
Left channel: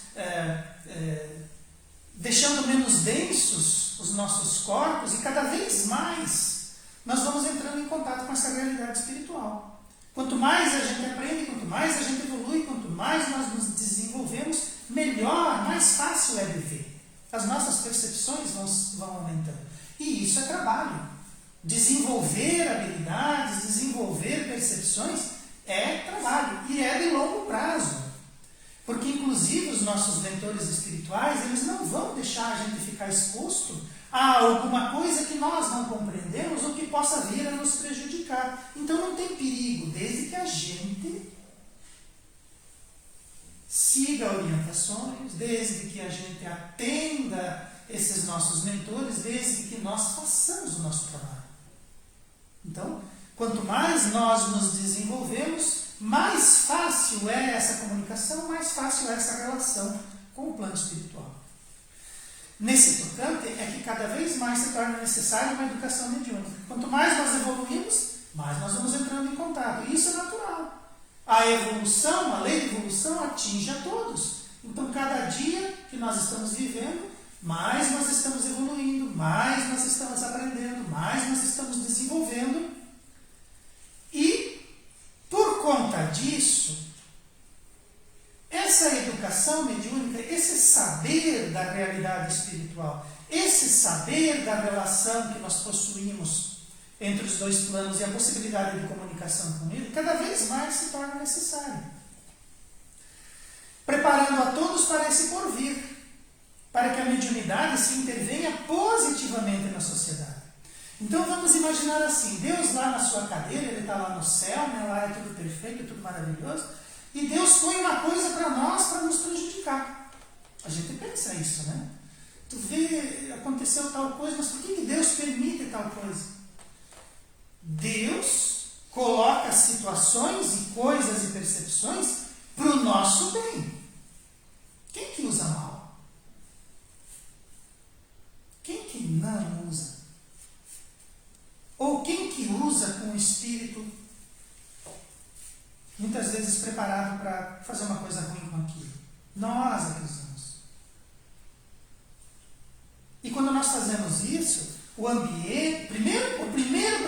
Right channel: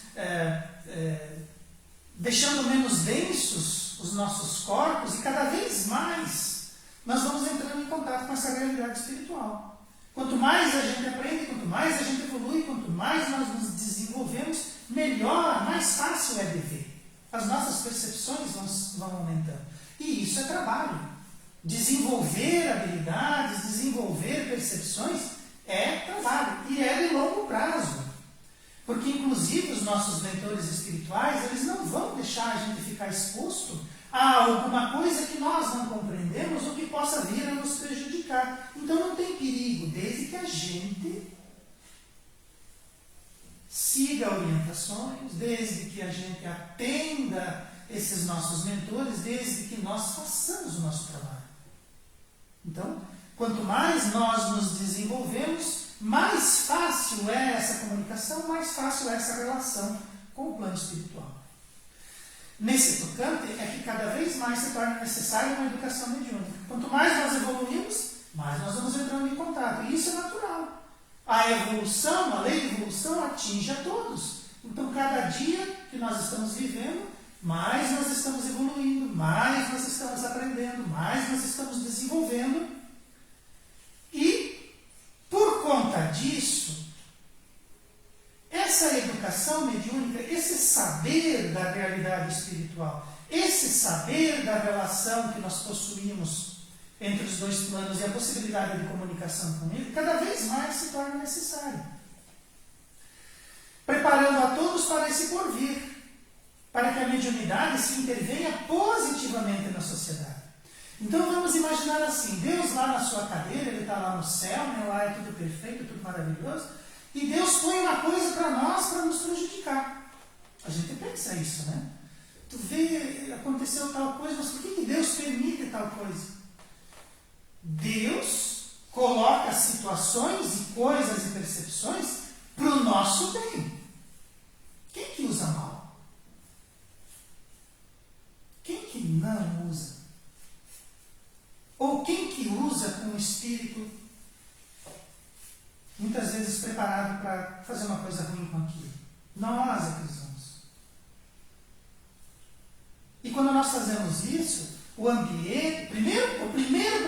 deixando menos densos os nossos corpos e cada vez mais nós vamos entrando em contato com essa realidade espiritual. Quanto mais a gente aprende, quanto mais a gente evolui, quanto mais nós nos desenvolvemos, melhor, mais fácil é viver. As nossas percepções vão aumentando. E isso é trabalho. Desenvolver habilidades, desenvolver percepções é trabalho e é de longo prazo. Porque, inclusive, os nossos mentores espirituais, eles não vão deixar a gente ficar exposto a alguma coisa que nós não compreendemos ou que possa vir a nos prejudicar. Então, não tem perigo, desde que a gente siga orientações, desde que a gente atenda esses nossos mentores, desde que nós façamos o nosso trabalho. Então, quanto mais nós nos desenvolvemos, mais fácil é essa comunicação, mais fácil é essa relação com o plano espiritual. Nesse tocante é que cada vez mais se torna necessária uma educação mediúnica. Quanto mais nós evoluímos, mais nós vamos entrando em contato. E isso é natural. A evolução, a lei de evolução atinge a todos. Então, cada dia que nós estamos vivendo, mais nós estamos evoluindo, mais nós estamos aprendendo, mais nós estamos desenvolvendo. E, por conta disso, essa educação mediúnica, esse saber da realidade espiritual, esse saber da relação que nós possuímos entre os dois planos e a possibilidade de comunicação com ele, cada vez mais se torna necessária. Preparando a todos para esse porvir, para que a mediunidade se intervenha positivamente na sociedade. Então vamos imaginar assim, Deus lá na sua cadeira, Ele está lá no céu, né? Lá é tudo perfeito, tudo maravilhoso, e Deus põe uma coisa para nós para nos prejudicar. A gente pensa isso, né? Tu vê, aconteceu tal coisa, mas por que Deus permite tal coisa? Deus coloca situações e coisas e percepções para o nosso bem. Quem que usa mal? Quem que não usa? Ou quem que usa com o espírito, muitas vezes preparado para fazer uma coisa ruim com aquilo? Nós é cristãos. E quando nós fazemos isso, o ambiente, o primeiro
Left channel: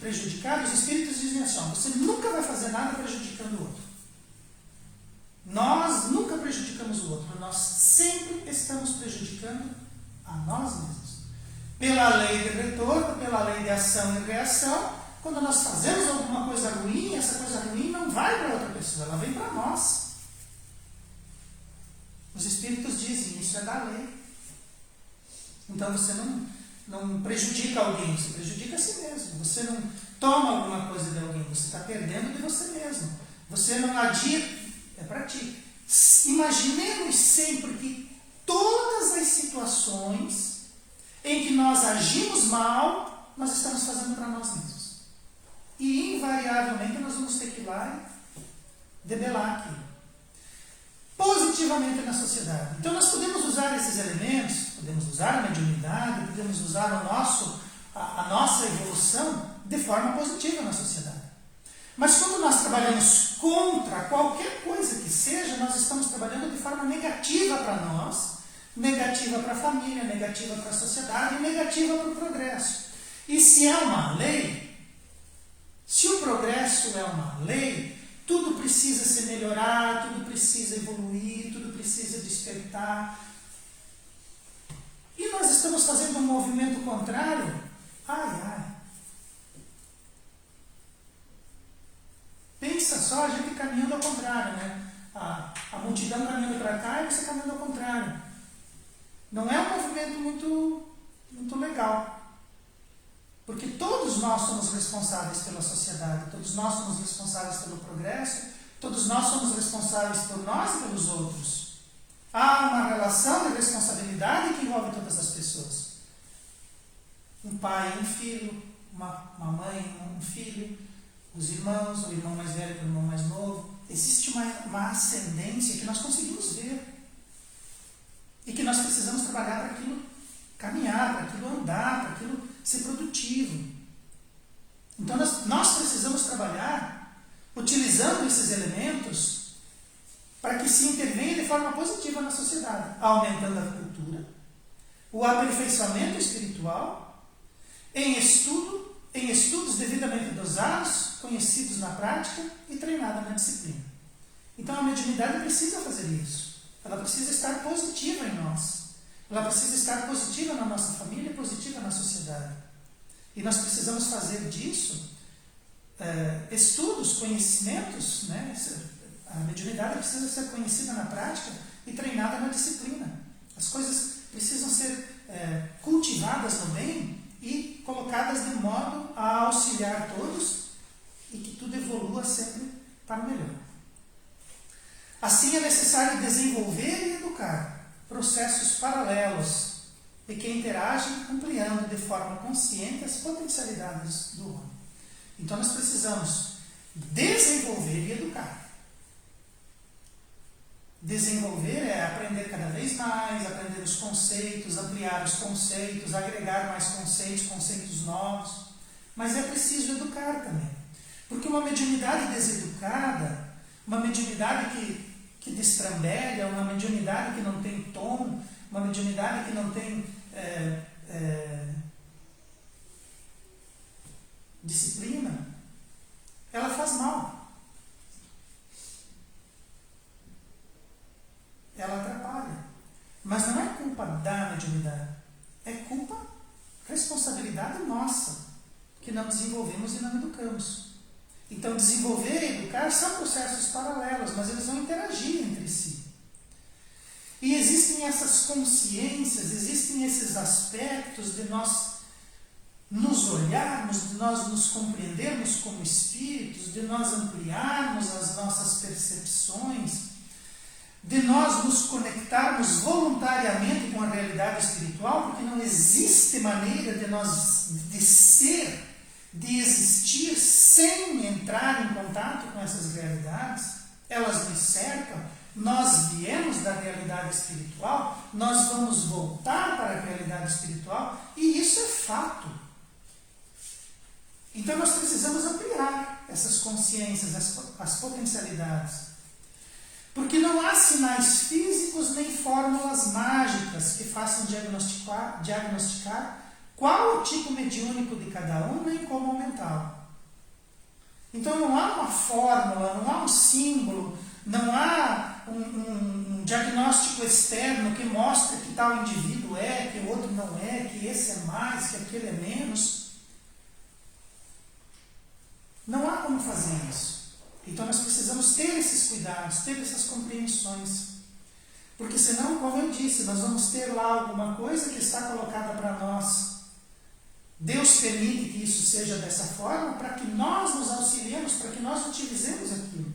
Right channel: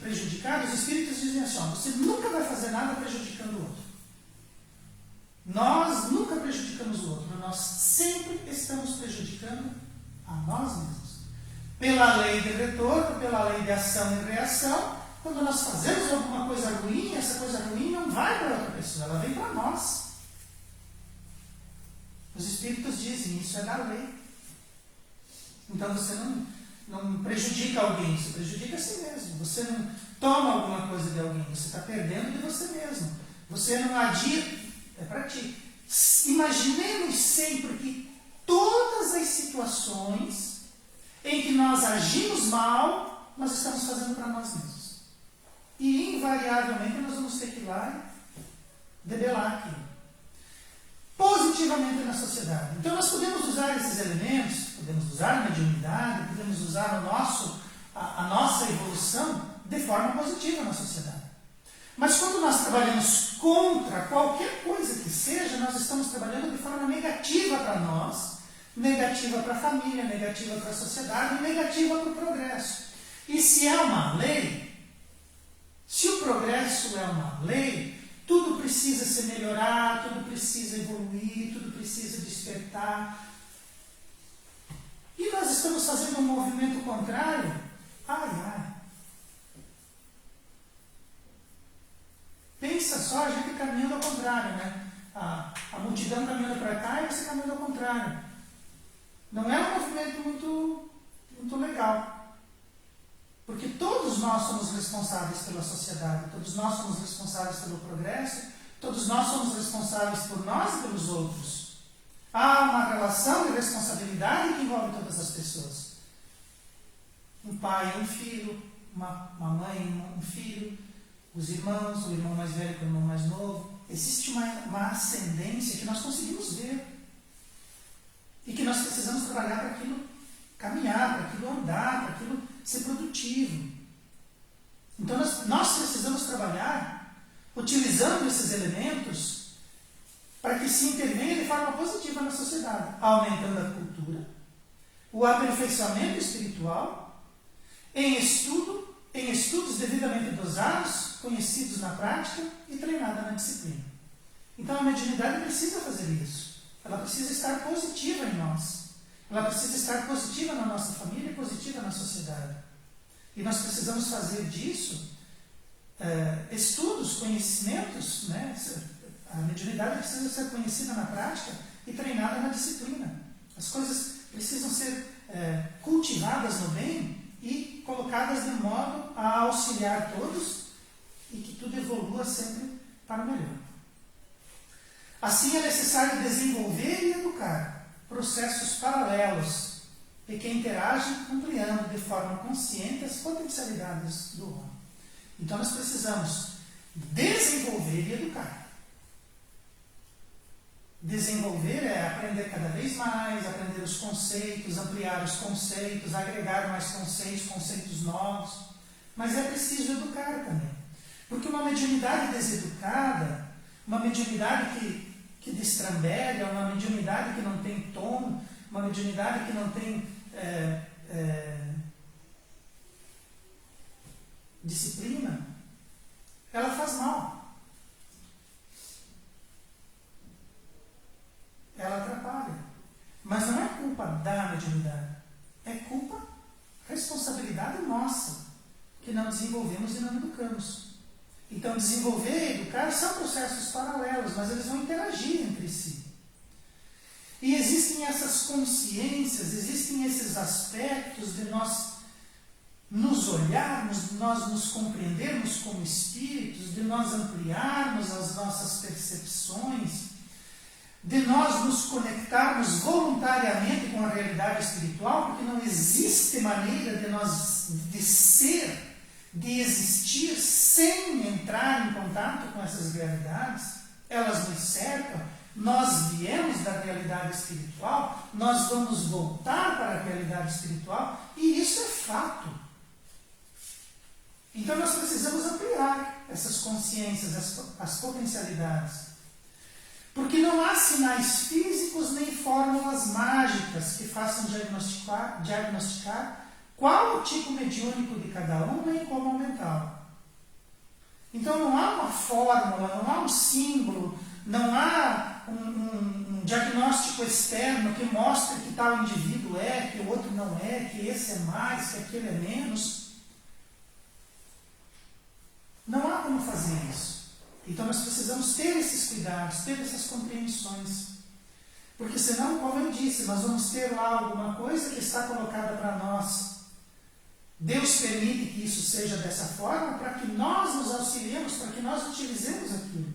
prejudicado, os espíritos dizem assim, você nunca vai fazer nada prejudicando o outro. Nós nunca prejudicamos o outro, nós sempre estamos prejudicando a nós mesmos. Pela lei de retorno, pela lei de ação e reação, quando nós fazemos alguma coisa ruim, essa coisa ruim não vai para outra pessoa, ela vem para nós. Os espíritos dizem, isso é da lei. Então você não prejudica alguém, você prejudica a si mesmo. Você não toma alguma coisa de alguém, você está perdendo de você mesmo. Você não adia, é para ti. Imaginemos sempre que todas as situações em que nós agimos mal, nós estamos fazendo para nós mesmos. E invariavelmente nós vamos ter que ir lá e debelar aquilo. Positivamente na sociedade. Então nós podemos usar esses elementos, podemos usar a mediunidade, podemos usar a nossa evolução de forma positiva na sociedade. Mas quando nós trabalhamos contra qualquer coisa que seja, nós estamos trabalhando de forma negativa para nós, negativa para a família, negativa para a sociedade, negativa para o progresso. E se é uma lei, se o progresso é uma lei, tudo precisa se melhorar, tudo precisa evoluir, tudo precisa despertar. E nós estamos fazendo um movimento contrário. Ai. Pensa só, a gente caminhando ao contrário, né? A multidão caminhando para cá e você caminhando ao contrário. Não é um movimento muito legal. Porque todos nós somos responsáveis pela sociedade, todos nós somos responsáveis pelo progresso, todos nós somos responsáveis por nós e pelos outros. Há uma relação de responsabilidade que envolve todas as pessoas. Um pai e um filho, uma mãe e um filho, os irmãos, o irmão mais velho com o irmão mais novo. Existe uma ascendência que nós conseguimos ver. E que nós precisamos trabalhar para aquilo caminhar, para aquilo andar, para aquilo ser produtivo. Então nós precisamos trabalhar utilizando esses elementos para que se intervenha de forma positiva na sociedade, aumentando a cultura, o aperfeiçoamento espiritual, em estudos devidamente dosados, conhecidos na prática e treinada na disciplina. Então a mediunidade precisa fazer isso. Ela precisa estar positiva em nós. Ela precisa estar positiva na nossa família e positiva na sociedade. E nós precisamos fazer disso estudos, conhecimentos, né? A mediunidade precisa ser conhecida na prática e treinada na disciplina. As coisas precisam ser cultivadas no bem e colocadas de modo a auxiliar todos e que tudo evolua sempre para o melhor. Assim é necessário desenvolver e educar processos paralelos e que interagem ampliando de forma consciente as potencialidades do homem. Então nós precisamos desenvolver e educar. Desenvolver é aprender cada vez mais, aprender os conceitos, ampliar os conceitos, agregar mais conceitos novos. Mas é preciso educar também. Porque uma mediunidade deseducada, uma mediunidade que destrambelha, uma mediunidade que não tem tom, uma mediunidade que não tem disciplina, ela faz mal. Ela atrapalha. Mas não é culpa da mediunidade, é culpa, responsabilidade nossa, que não Então, desenvolver e educar são processos paralelos, mas eles vão interagir entre si. E existem essas consciências, existem esses aspectos de nós nos olharmos, de nós nos compreendermos como espíritos, de nós ampliarmos as nossas percepções, de nós nos conectarmos voluntariamente com a realidade espiritual, porque não existe maneira de ser, de existir sem entrar em contato com essas realidades. Elas nos cercam, nós viemos da realidade espiritual, nós vamos voltar para a realidade espiritual, e isso é fato. Então nós precisamos ampliar essas consciências, as potencialidades. Porque não há sinais físicos nem fórmulas mágicas que façam diagnosticar qual o tipo mediúnico de cada um, nem como mental. Então não há uma fórmula, não há um símbolo, não há um diagnóstico externo que mostre que tal indivíduo é, que o outro não é, que esse é mais, que aquele é menos. Não há como fazer isso. Então nós precisamos ter esses cuidados, ter essas compreensões. Porque senão, como eu disse, nós vamos ter lá alguma coisa que está colocada para nós. Deus permite que isso seja dessa forma para que nós nos auxiliemos, para que nós utilizemos aquilo.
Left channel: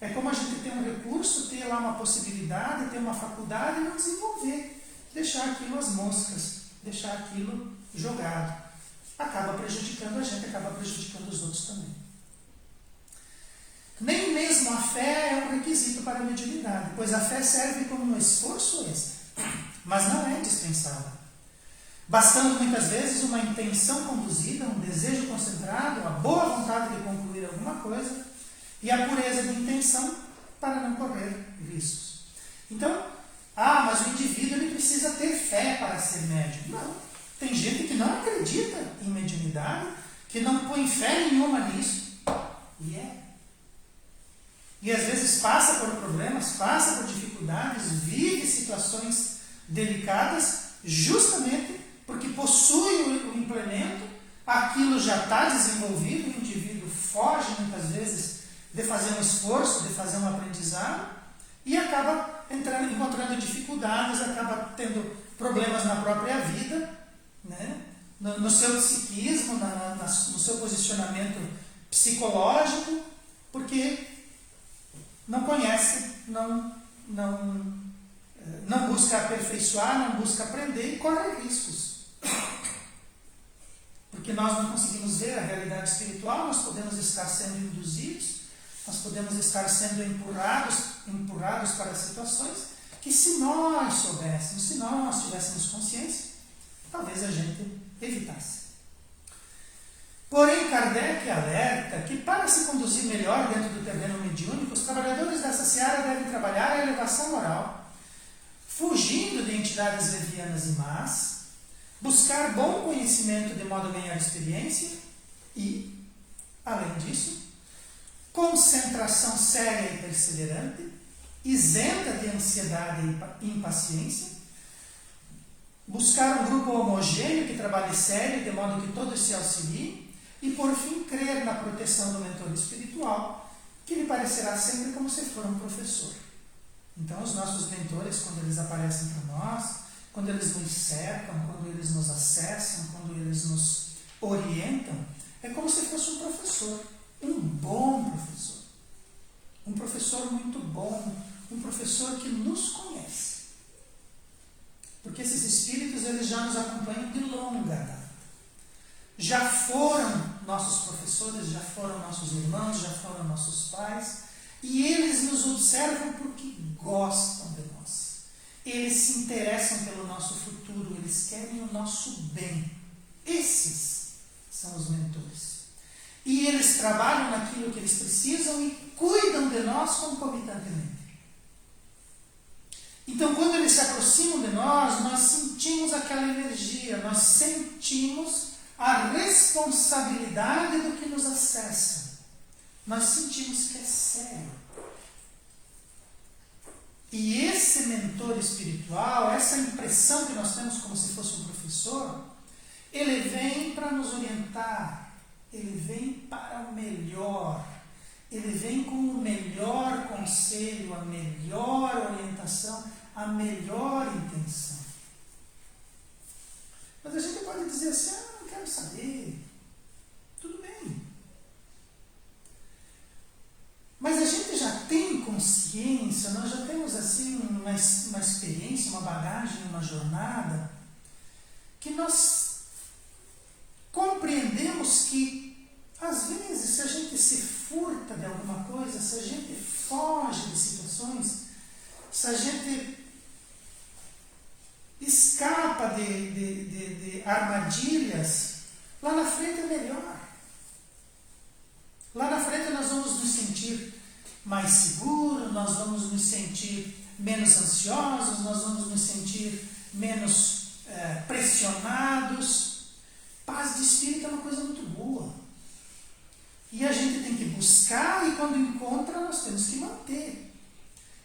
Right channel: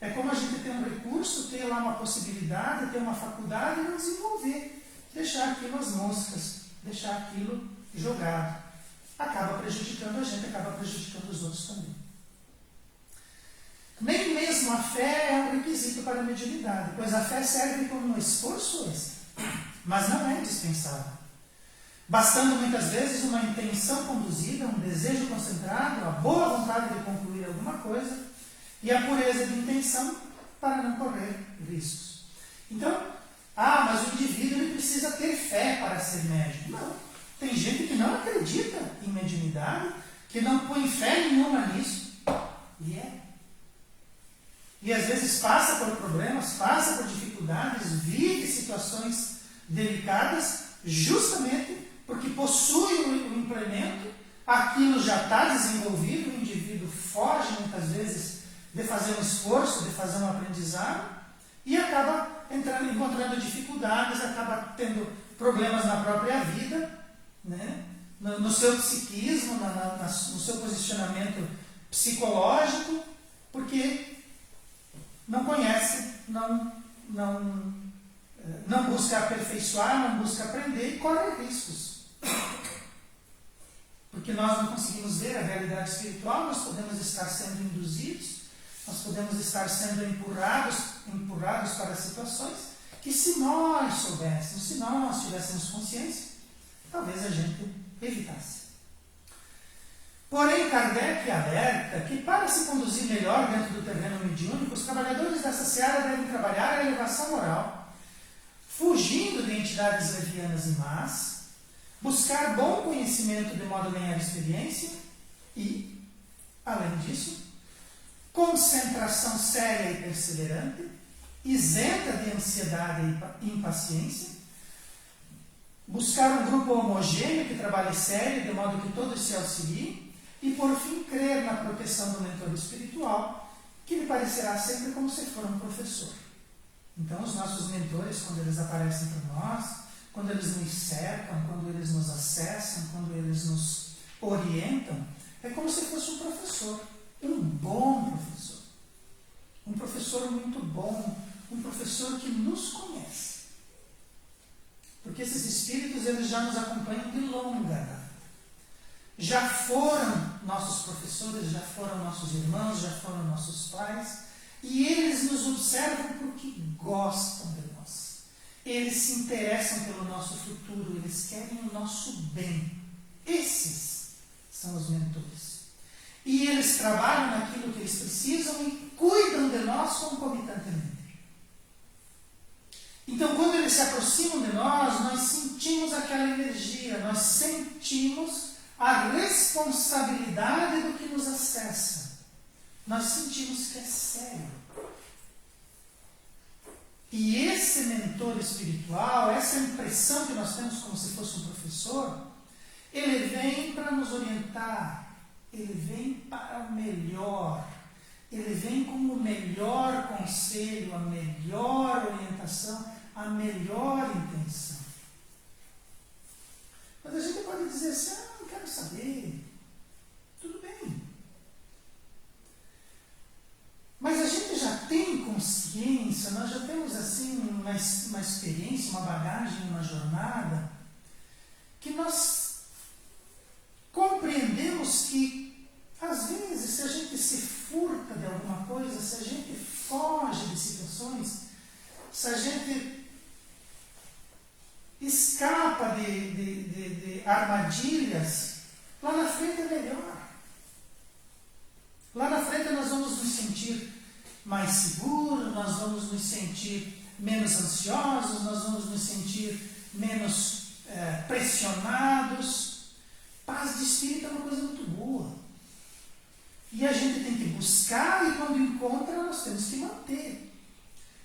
É como a gente ter um recurso, ter lá uma possibilidade, ter uma faculdade e não desenvolver. Deixar aquilo às moscas, deixar aquilo jogado. Acaba prejudicando a gente, acaba prejudicando os outros também. Nem mesmo a fé é um requisito para a mediunidade, pois a fé serve como um esforço extra, mas não é dispensável. Bastando muitas vezes uma intenção conduzida, um desejo concentrado, a boa vontade de concluir alguma coisa e a pureza de intenção para não correr riscos. Então, mas o indivíduo ele precisa ter fé para ser médium. Não. Tem gente que não acredita em mediunidade, que não põe fé nenhuma nisso. E às vezes passa por problemas, passa por dificuldades, vive situações delicadas, justamente porque possui o implemento, aquilo já está desenvolvido, o indivíduo foge muitas vezes de fazer um esforço, de fazer um aprendizado, e acaba encontrando dificuldades, acaba tendo problemas na própria vida, né? no seu psiquismo, no seu posicionamento psicológico, porque não conhece, não busca aperfeiçoar, não busca aprender e corre riscos. Porque nós não conseguimos ver a realidade espiritual, nós podemos estar sendo induzidos, nós podemos estar sendo empurrados para situações que, se nós soubéssemos, se nós tivéssemos consciência, talvez a gente evitasse. Porém, Kardec alerta que, para se conduzir melhor dentro do terreno mediúnico, os trabalhadores dessa seara devem trabalhar a elevação moral, fugindo de entidades levianas e más, buscar bom conhecimento de modo a ganhar experiência e, além disso, concentração séria e perseverante, isenta de ansiedade e impaciência, buscar um grupo homogêneo que trabalhe sério, de modo que todos se auxiliem, e, por fim, crer na proteção do mentor espiritual, que lhe parecerá sempre como se for um professor. Então, os nossos mentores, quando eles aparecem para nós, quando eles nos cercam, quando eles nos acessam, quando eles nos orientam, é como se fosse um professor, um bom professor. Um professor muito bom, um professor que nos conhece. Porque esses espíritos, eles já nos acompanham de longa data. Já foram nossos professores, já foram nossos irmãos, já foram nossos pais, e eles nos observam porque gostam de nós. Eles se interessam pelo nosso futuro, eles querem o nosso bem. Esses são os mentores. E eles trabalham naquilo que eles precisam e cuidam de nós concomitantemente. Então, quando eles se aproximam de nós, nós sentimos aquela energia, nós sentimos a responsabilidade do que nos acessa. Nós sentimos que é sério. E esse mentor espiritual, essa impressão que nós temos como se fosse um professor, ele vem para nos orientar, ele vem para o melhor. Ele vem com o melhor conselho, a melhor orientação, a melhor intenção. Mas a gente pode dizer assim, não quero saber. Tudo bem. Mas a gente já tem consciência, nós já temos assim uma experiência, uma bagagem, uma jornada, que nós compreendemos que, às vezes, se a gente se furta de alguma coisa, se a gente foge de situações, se a gente escapa de armadilhas, lá na frente é melhor. Lá na frente nós vamos nos sentir mais seguros, nós vamos nos sentir menos ansiosos, nós vamos nos sentir menos pressionados. Paz de espírito é uma coisa muito boa. E a gente tem que buscar e quando encontra nós temos que manter.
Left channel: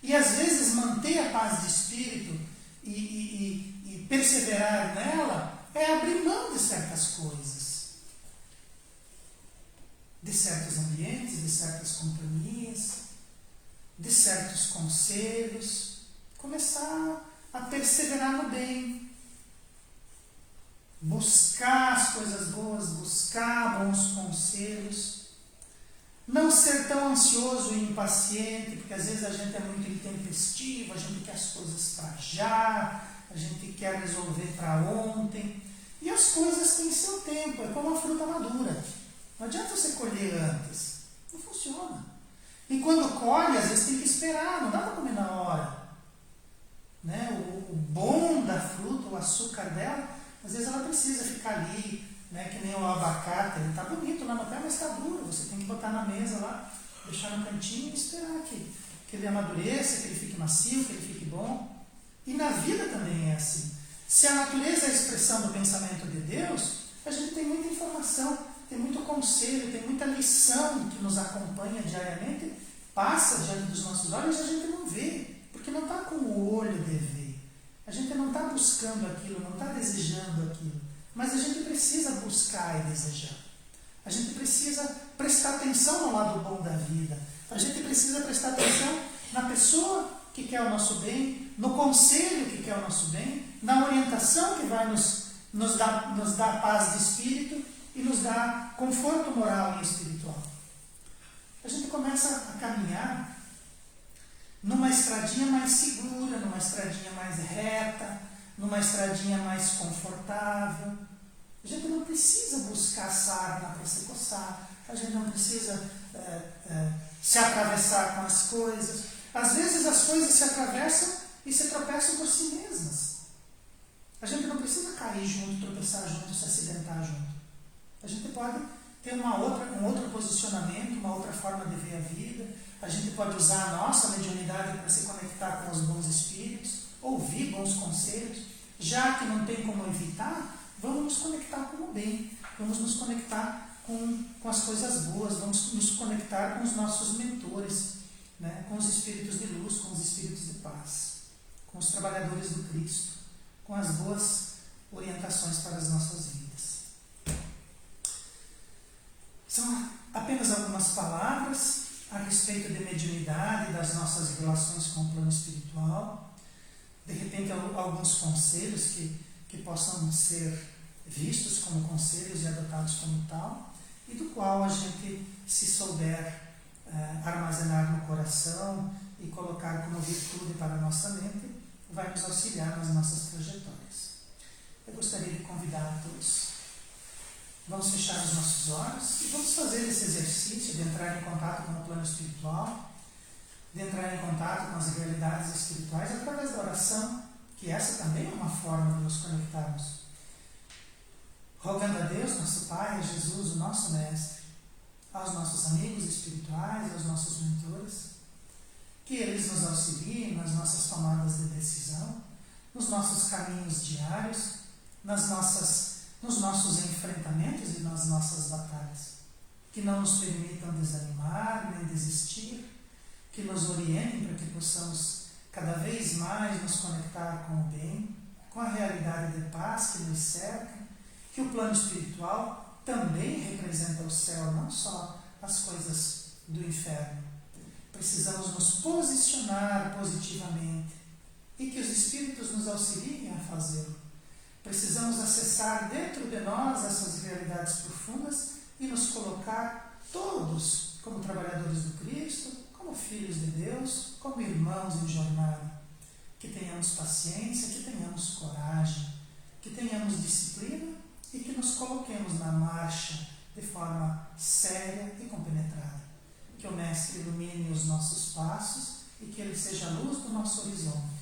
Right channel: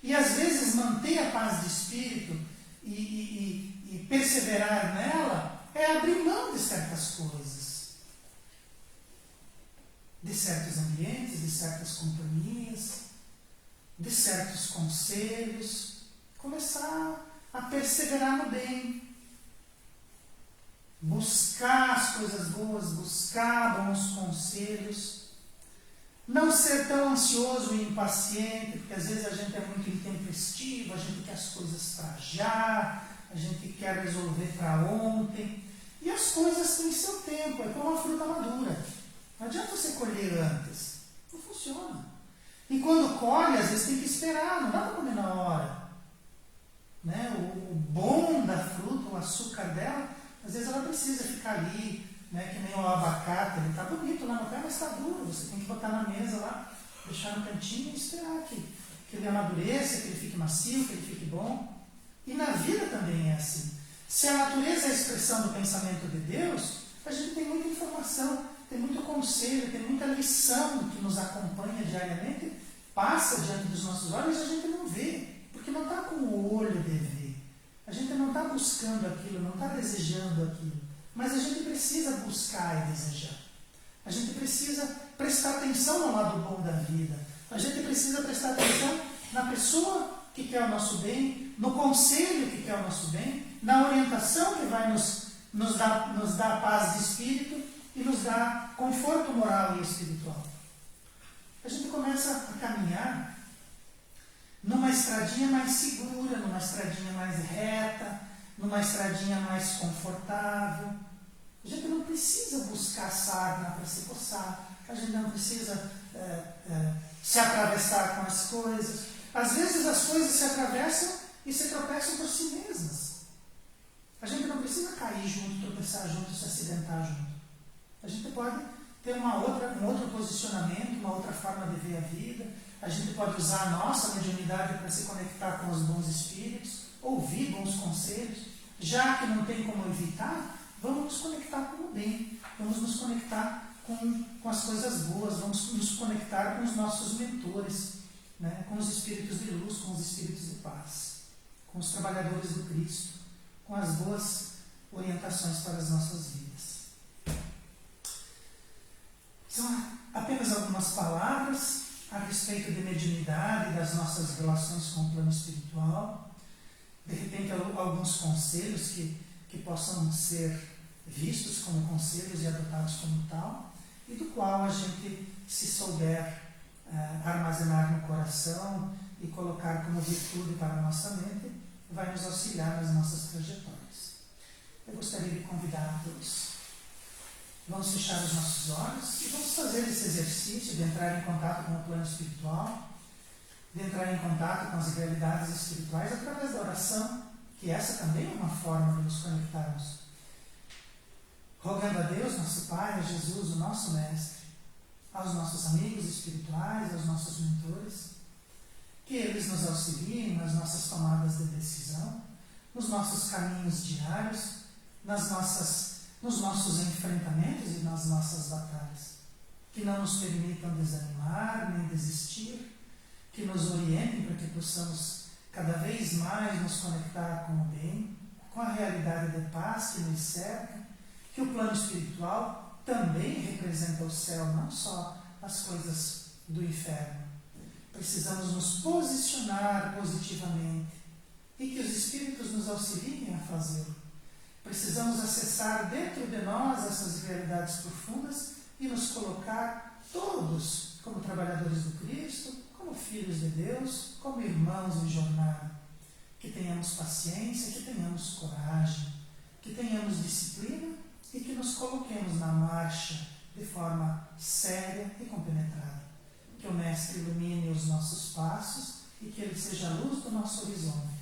E às vezes manter a paz de espírito e perseverar nela é abrir mão de certas coisas. De certos ambientes, de certas companhias, de certos conselhos. Começar a perseverar no bem. Buscar as coisas boas, buscar bons conselhos. Não ser tão ansioso e impaciente, porque às vezes a gente é muito intempestivo, a gente quer as coisas para já, a gente quer resolver para ontem. E as coisas têm seu tempo, é como uma fruta madura. Não adianta você colher antes, não funciona. E quando colhe, às vezes tem que esperar, não dá para comer na hora. Né? O bom da fruta, o açúcar dela, às vezes ela precisa ficar ali, né, que nem o abacate, ele está bonito lá no pé, mas está duro. Você tem que botar na mesa lá, deixar no cantinho e esperar que ele amadureça, que ele fique macio, que ele fique bom. E na vida também é assim. Se a natureza é a expressão do pensamento de Deus, a gente tem muita informação, tem muito conselho, tem muita lição que nos acompanha diariamente, passa diante dos nossos olhos e a gente não vê, porque não está com o olho de ver. A gente não está buscando aquilo, não está desejando aquilo. Mas a gente precisa buscar e desejar. A gente precisa prestar atenção ao lado bom da vida. A gente precisa prestar atenção na pessoa que quer o nosso bem, no conselho que quer o nosso bem, na orientação que vai nos dar paz de espírito e nos dar conforto moral e espiritual. A gente começa a caminhar numa estradinha mais segura, numa estradinha mais reta, numa estradinha mais confortável. A gente não precisa buscar sarna para se coçar, a gente não precisa se atravessar com as coisas. Às vezes as coisas se atravessam e se tropeçam por si mesmas. A gente não precisa cair junto, tropeçar junto, se acidentar junto. A gente pode ter um outro posicionamento, uma outra forma de ver a vida. A gente pode usar a nossa mediunidade para se conectar com os bons espíritos, ouvir bons conselhos. Já que não tem como evitar, vamos nos conectar com o bem, vamos nos conectar com as coisas boas, vamos nos conectar com os nossos mentores, né? Com os espíritos de luz, com os espíritos de paz, com os trabalhadores do Cristo, com as boas orientações para as nossas vidas. São apenas algumas palavras a respeito de mediunidade e das nossas relações com o plano espiritual. De repente, alguns conselhos que possam ser vistos como conselhos e adotados como tal, e do qual a gente, se souber armazenar no coração e colocar como virtude para a nossa mente, vai nos auxiliar nas nossas trajetórias. Eu gostaria de convidar a todos. Vamos fechar os nossos olhos e vamos fazer esse exercício de entrar em contato com o plano espiritual, de entrar em contato com as realidades espirituais através da oração, que essa também é uma forma de nos conectarmos. Rogando a Deus, nosso Pai, a Jesus, o nosso Mestre, aos nossos amigos espirituais, aos nossos mentores, que eles nos auxiliem nas nossas tomadas de decisão, nos nossos caminhos diários, nos nossos enfrentamentos e nas nossas batalhas. Que não nos permitam desanimar nem desistir, que nos orientem para que possamos cada vez mais nos conectar com o bem, com a realidade de paz que nos cerca, que o plano espiritual também representa o céu, não só as coisas do inferno. Precisamos nos posicionar positivamente e que os Espíritos nos auxiliem a fazê-lo. Precisamos acessar dentro de nós essas realidades profundas e nos colocar todos como trabalhadores do Cristo, como filhos de Deus, como irmãos em jornada. Que tenhamos paciência, que tenhamos coragem, que tenhamos disciplina e que nos coloquemos na marcha de forma séria e compenetrada. Que o Mestre ilumine os nossos passos e que Ele seja a luz do nosso horizonte.